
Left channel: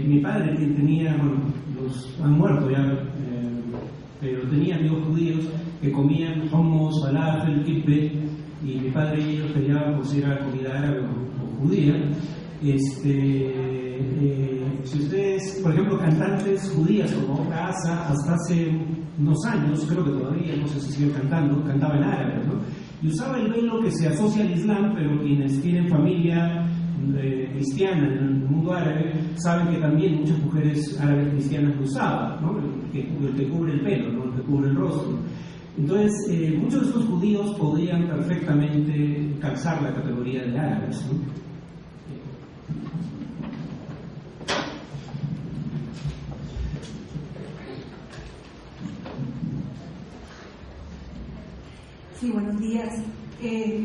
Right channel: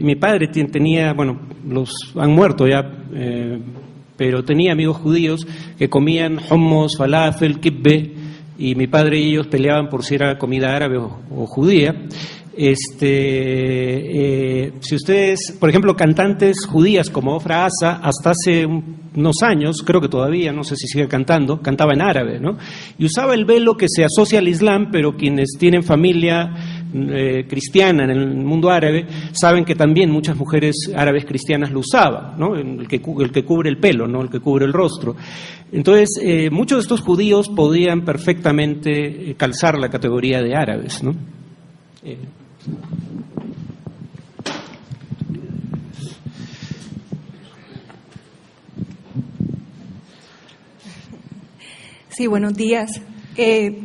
Mi padre tenía, los han muerto ya, pero tenía amigos judíos que comían hummus, falafel, kibbe, y mi padre y ellos peleaban por si era comida árabe o judía. Si ustedes, por ejemplo, cantantes judías como Ofra Asa, hasta hace unos años, creo que todavía, no sé si sigue cantando, cantaba en árabe, ¿no? Y usaba el velo que se asocia al Islam, pero quienes tienen familia cristiana en el mundo árabe saben que también muchas mujeres árabes cristianas lo usaban, ¿no? El que cubre el pelo, ¿no? El que cubre el rostro. Entonces, muchos de estos judíos podían perfectamente calzar la categoría de árabes, ¿no? Sí, buenos días.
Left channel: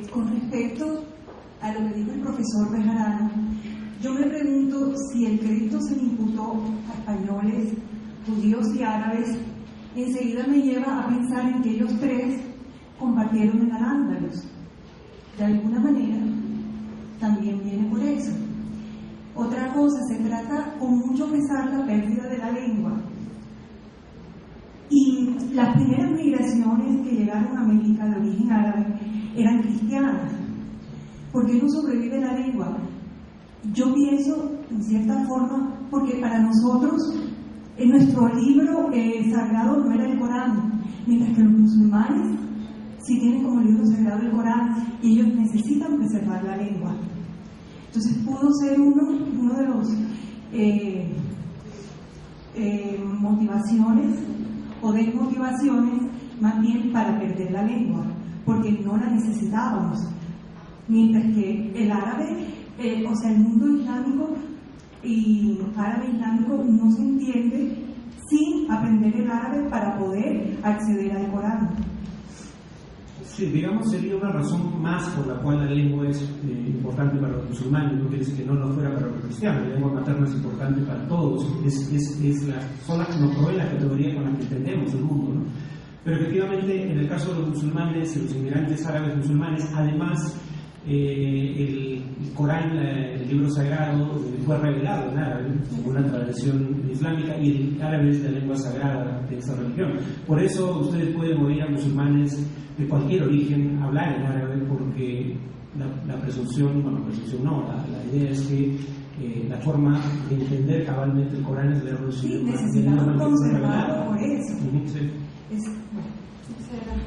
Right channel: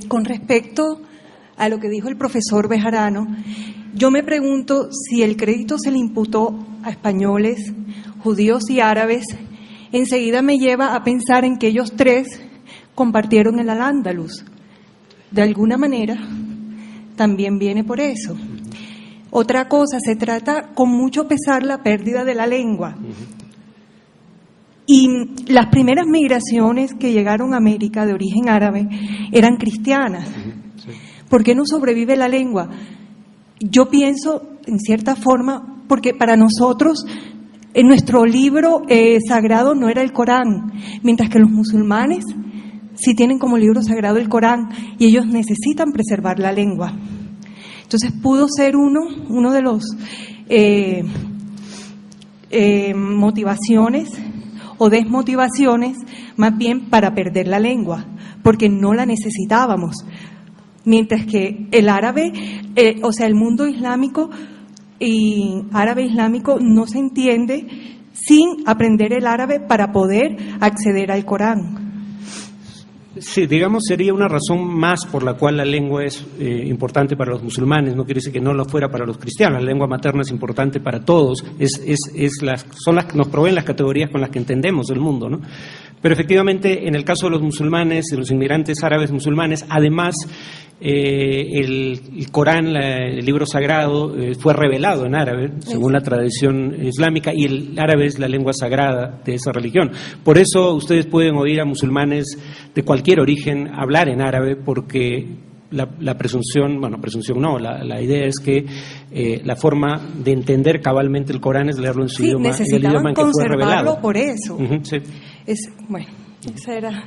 Con respecto a lo que dijo el profesor Bejarano, yo me pregunto si el crédito se le imputó a españoles, judíos y árabes, enseguida me lleva a pensar en que ellos tres compartieron el Al-Ándalus. De alguna manera, también viene por eso. Otra cosa, se trata con mucho pesar la pérdida de la lengua. Y las primeras migraciones que llegaron a América de origen árabe eran cristianas. ¿Por qué no sobrevive la lengua? Yo pienso, en cierta forma, porque para nosotros, en nuestro libro sagrado no era el Corán, mientras que los musulmanes sí tienen como libro sagrado el Corán y ellos necesitan preservar la lengua. Entonces pudo ser uno de los motivaciones o desmotivaciones, más bien para perder la lengua, porque no la necesitábamos. Mientras que el árabe, el mundo islámico, y árabe islámico no se entiende sin aprender el árabe para poder acceder al Corán. Sí, digamos, sería una razón más por la cual la lengua es importante para los musulmanes. No quiere decir que no lo fuera para los cristianos. La lengua materna es importante para todos. Son las que nos proveen las categorías con las que entendemos el mundo, ¿no? Pero efectivamente, en el caso de los musulmanes, de los inmigrantes árabes musulmanes, además el Corán, el libro sagrado, fue revelado en árabe, según la tradición islámica, y el árabe es la lengua sagrada de esa religión. Por eso ustedes pueden oír a musulmanes de cualquier origen hablar en árabe, porque la presunción, bueno, presunción no, la idea es que la forma de entender cabalmente el Corán es leerlo en su idioma, en el idioma en que fue revelado. Por eso. Sí. Bueno, esa era...